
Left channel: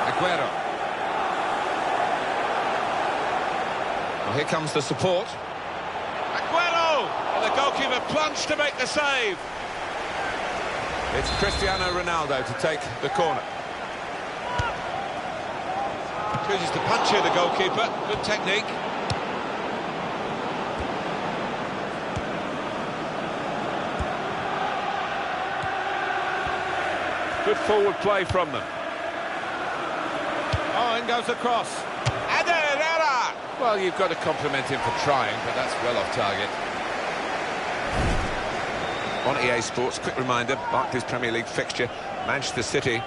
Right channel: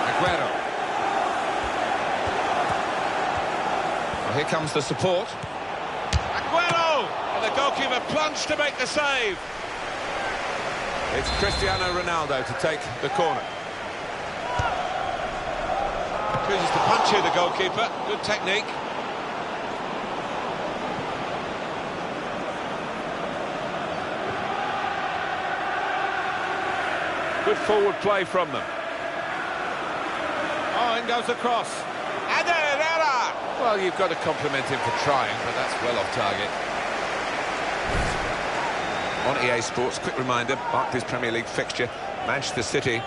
Aguero. Well, here comes the support. Aguero! And the goalkeeper plunged to make the save. It's Cristiano Ronaldo to take the corner. Chooses to punch here, the goalkeeper. Good technique. Good forward play from them. Oh, in goes the cross. And Herrera! Well, you've got to compliment him for trying, but that's well off target. On EA Sports, quick reminder, Barclays Premier League fixture, Manchester City.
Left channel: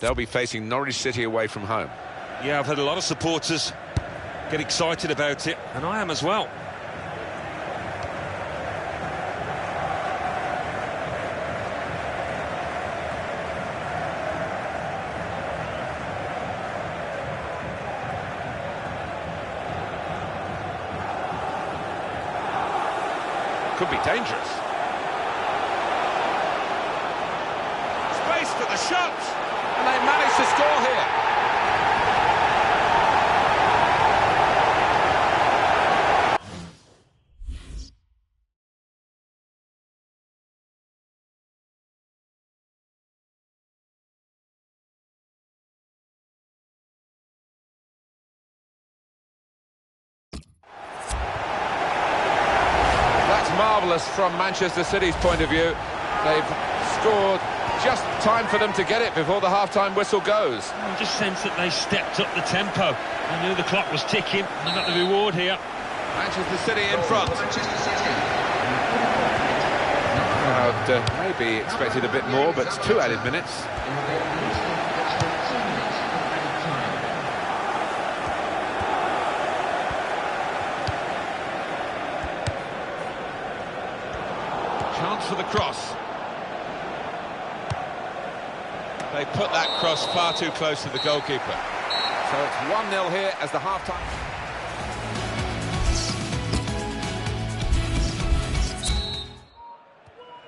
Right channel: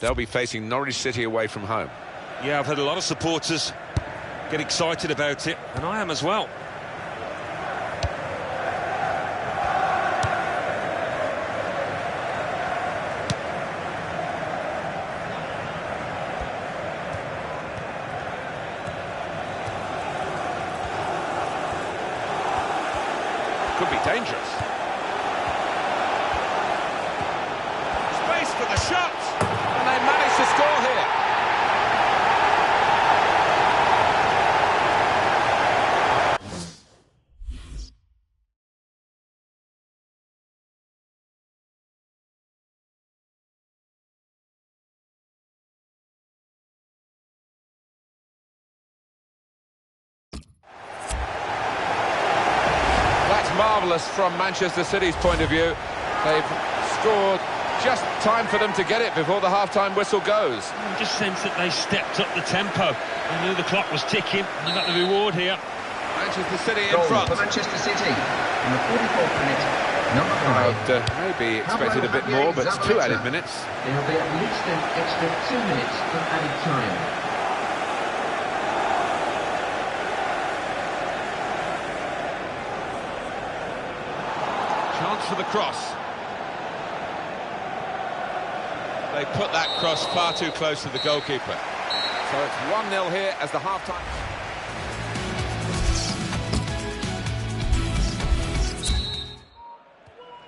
They'll be facing Norwich City away from home. Yeah, I've had a lot of supporters get excited about it, and I am as well. Could be dangerous. Space for the shot! And they managed to score here. That's marvellous from Manchester City's point of view. They've scored just time for them to get it before the half-time whistle goes. I just sense that they stepped up the tempo. They knew the clock was ticking and they got the reward here. Manchester City in Goal front. for Manchester City. In the 44th minute, number 5. I'd maybe expected a bit more, but it's 2 added minutes. There will be at least an extra 2 minutes of added time. Chance for the cross. They put that cross far too close to the goalkeeper. So it's 1-0 here as the half-time.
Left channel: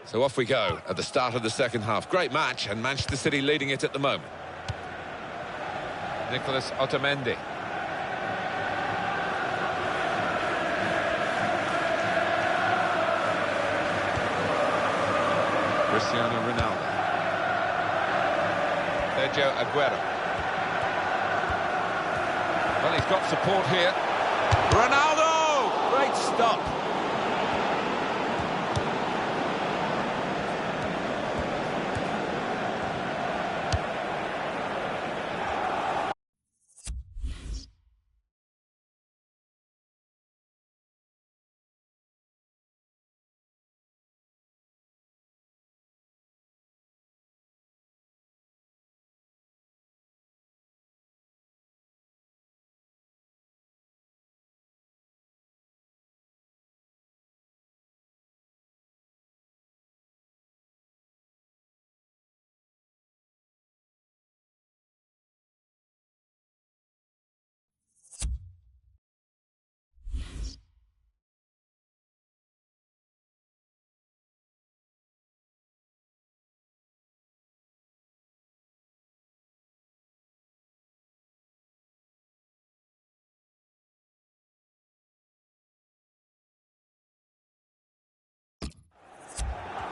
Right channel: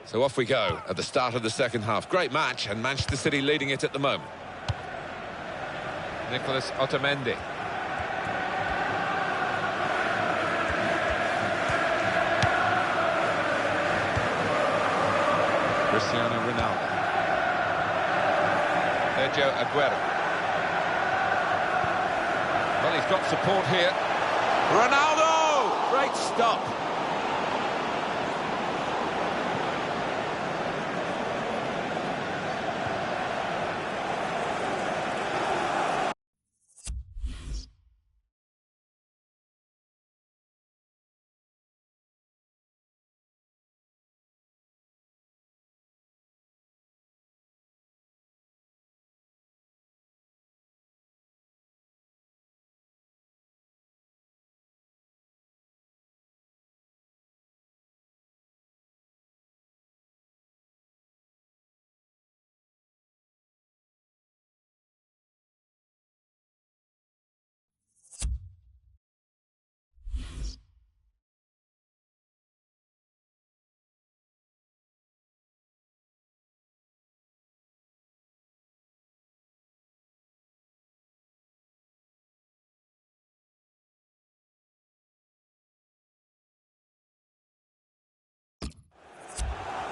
So off we go at the start of the second half. Great match, and Manchester City leading it at the moment. Nicolas Otamendi. Cristiano Ronaldo. Sergio Aguero. Well, he's got support here. Ronaldo! Great stop.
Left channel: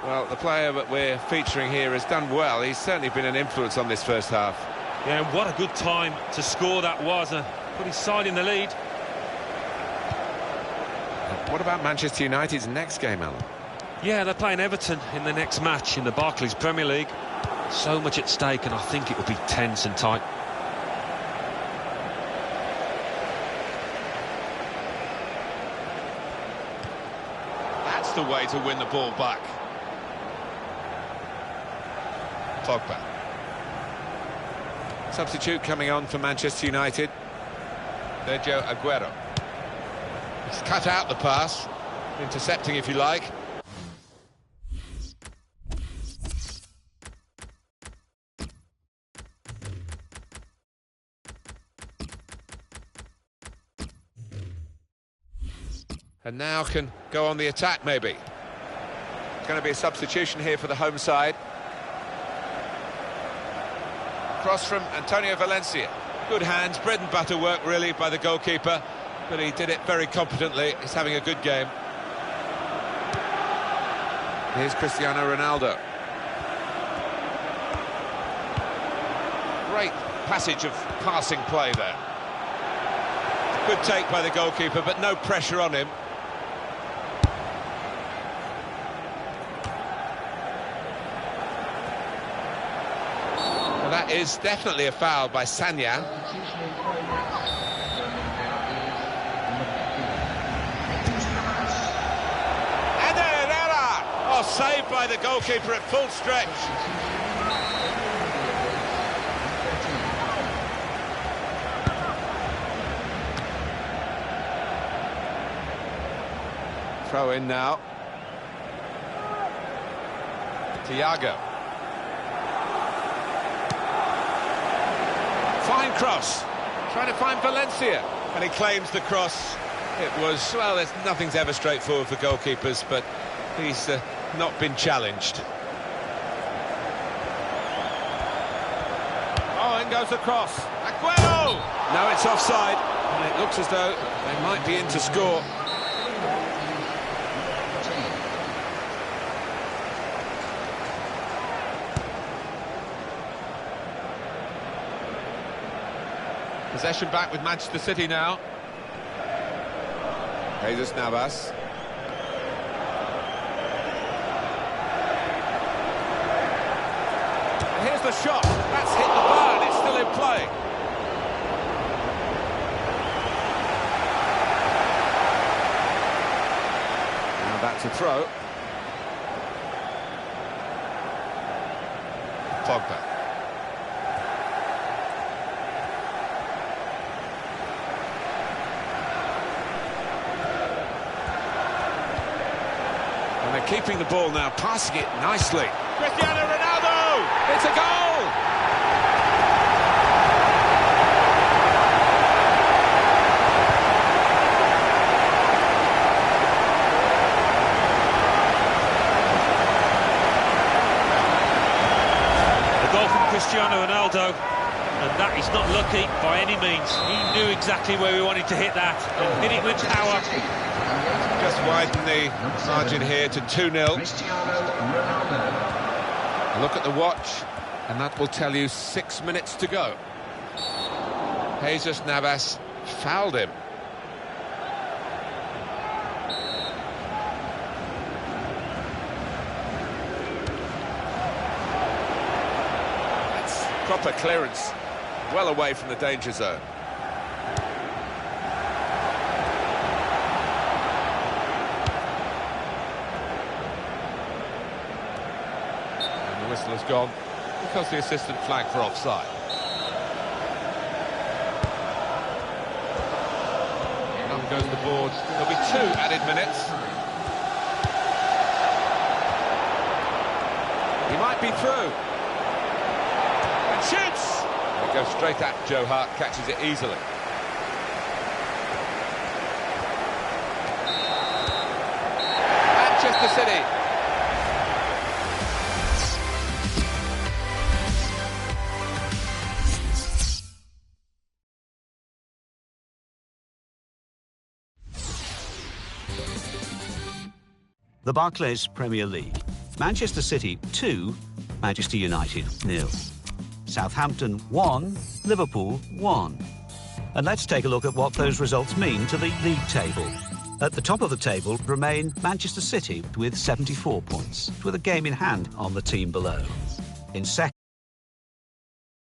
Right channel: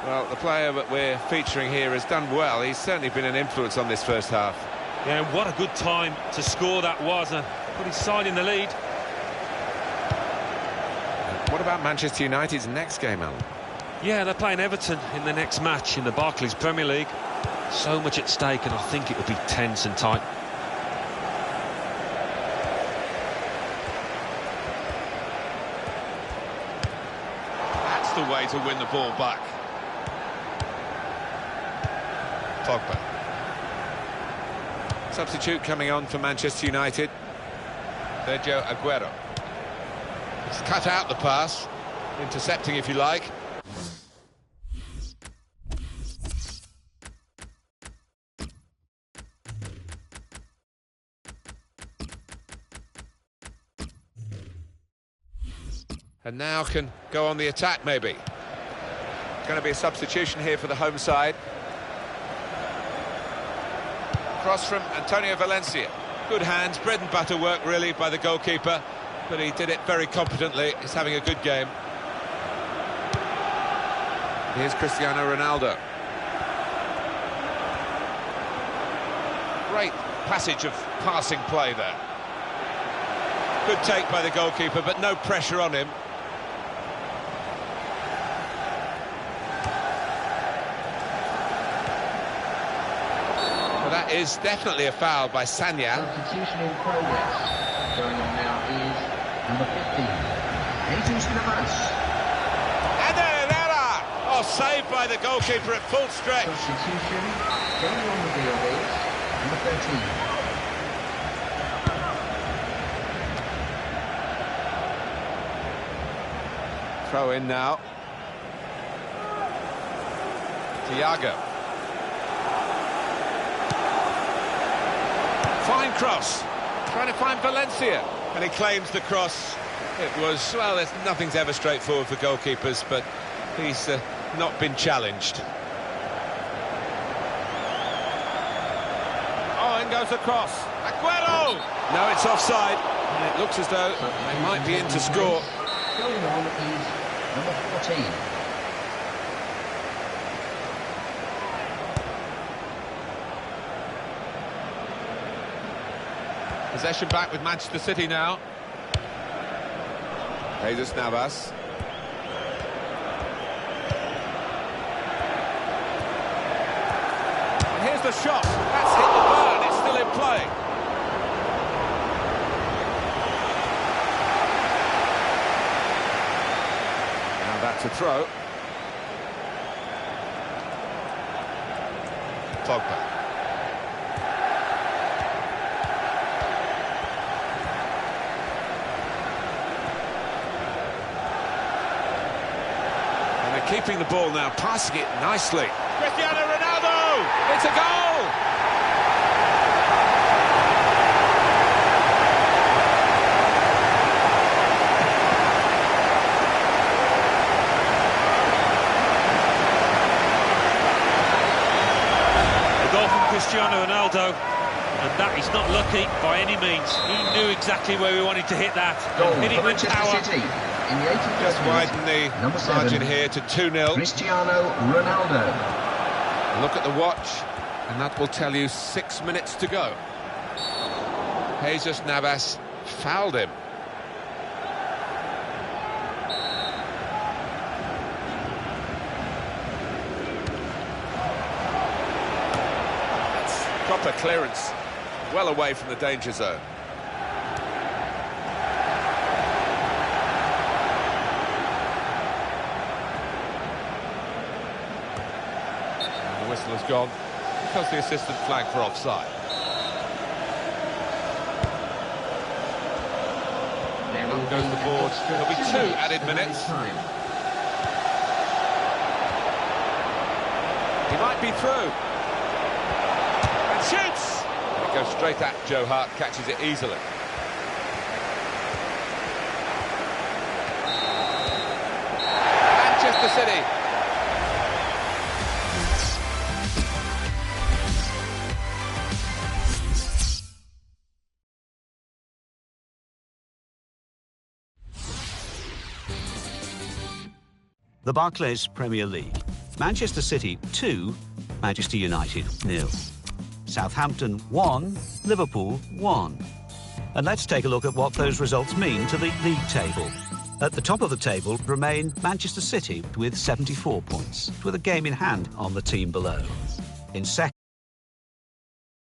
Well, the player that we're featuring here has done well. He's certainly been an influence on this first half. Yeah, and what a good time to score that was. Put his side in the lead. What about Manchester United's next game, Alan? Yeah, they're playing Everton in the next match in the Barclays Premier League. So much at stake, and I think it will be tense and tight. That's the way to win the ball back. Pogba. Substitute coming on for Manchester United. Sergio Aguero. He's cut out the pass, intercepting if you like. And now can go on the attack, maybe. It's going to be a substitution here for the home side. Cross from Antonio Valencia. Good hands, bread and butter work really by the goalkeeper, but he did it very competently. He's having a good game. Here's Cristiano Ronaldo. Great passage of passing play there. Good take by the goalkeeper, but no pressure on him. Well, that is definitely a foul by Sanya. Substitution in progress. Going on now is number 15, Jesus Navas. And Herrera! Oh, saved by the goalkeeper at full stretch. Substitution going on the field is number 13. Throw in now. Thiago. Fine cross. Trying to find Valencia. And he claims the cross. It was, well, nothing's ever straightforward for goalkeepers, but He's not been challenged. Oh, in goes the cross. Aguero! No, it's offside. And it looks as though they might be in to score. Going on is number 14. Possession back with Manchester City now. Jesus Navas. And here's the shot. That's hit the bar and it's still in play. Now that's a throw. Pogba. And they're keeping the ball now, passing it nicely. Cristiano Ronaldo! It's a goal! A goal from Cristiano Ronaldo, and that is not lucky by any means. He knew exactly where he wanted to hit that, and hit it with power. Just widen the margin here to 2-0. Cristiano Ronaldo. Look at the watch, and that will tell you 6 minutes to go. Jesus Navas fouled him. That's proper clearance, well away from the danger zone. The whistle has gone because the assistant flagged for offside. Up goes the board. There'll be 2 added minutes. He might be through. And shoots! And it goes straight at Joe Hart, catches it easily. Manchester City. The Barclays Premier League. Manchester City 2, Manchester United 0. Southampton 1, Liverpool 1. And let's take a look at what those results mean to the league table. At the top of the table remain Manchester City with 74 points, with a game in hand on the team below. In second,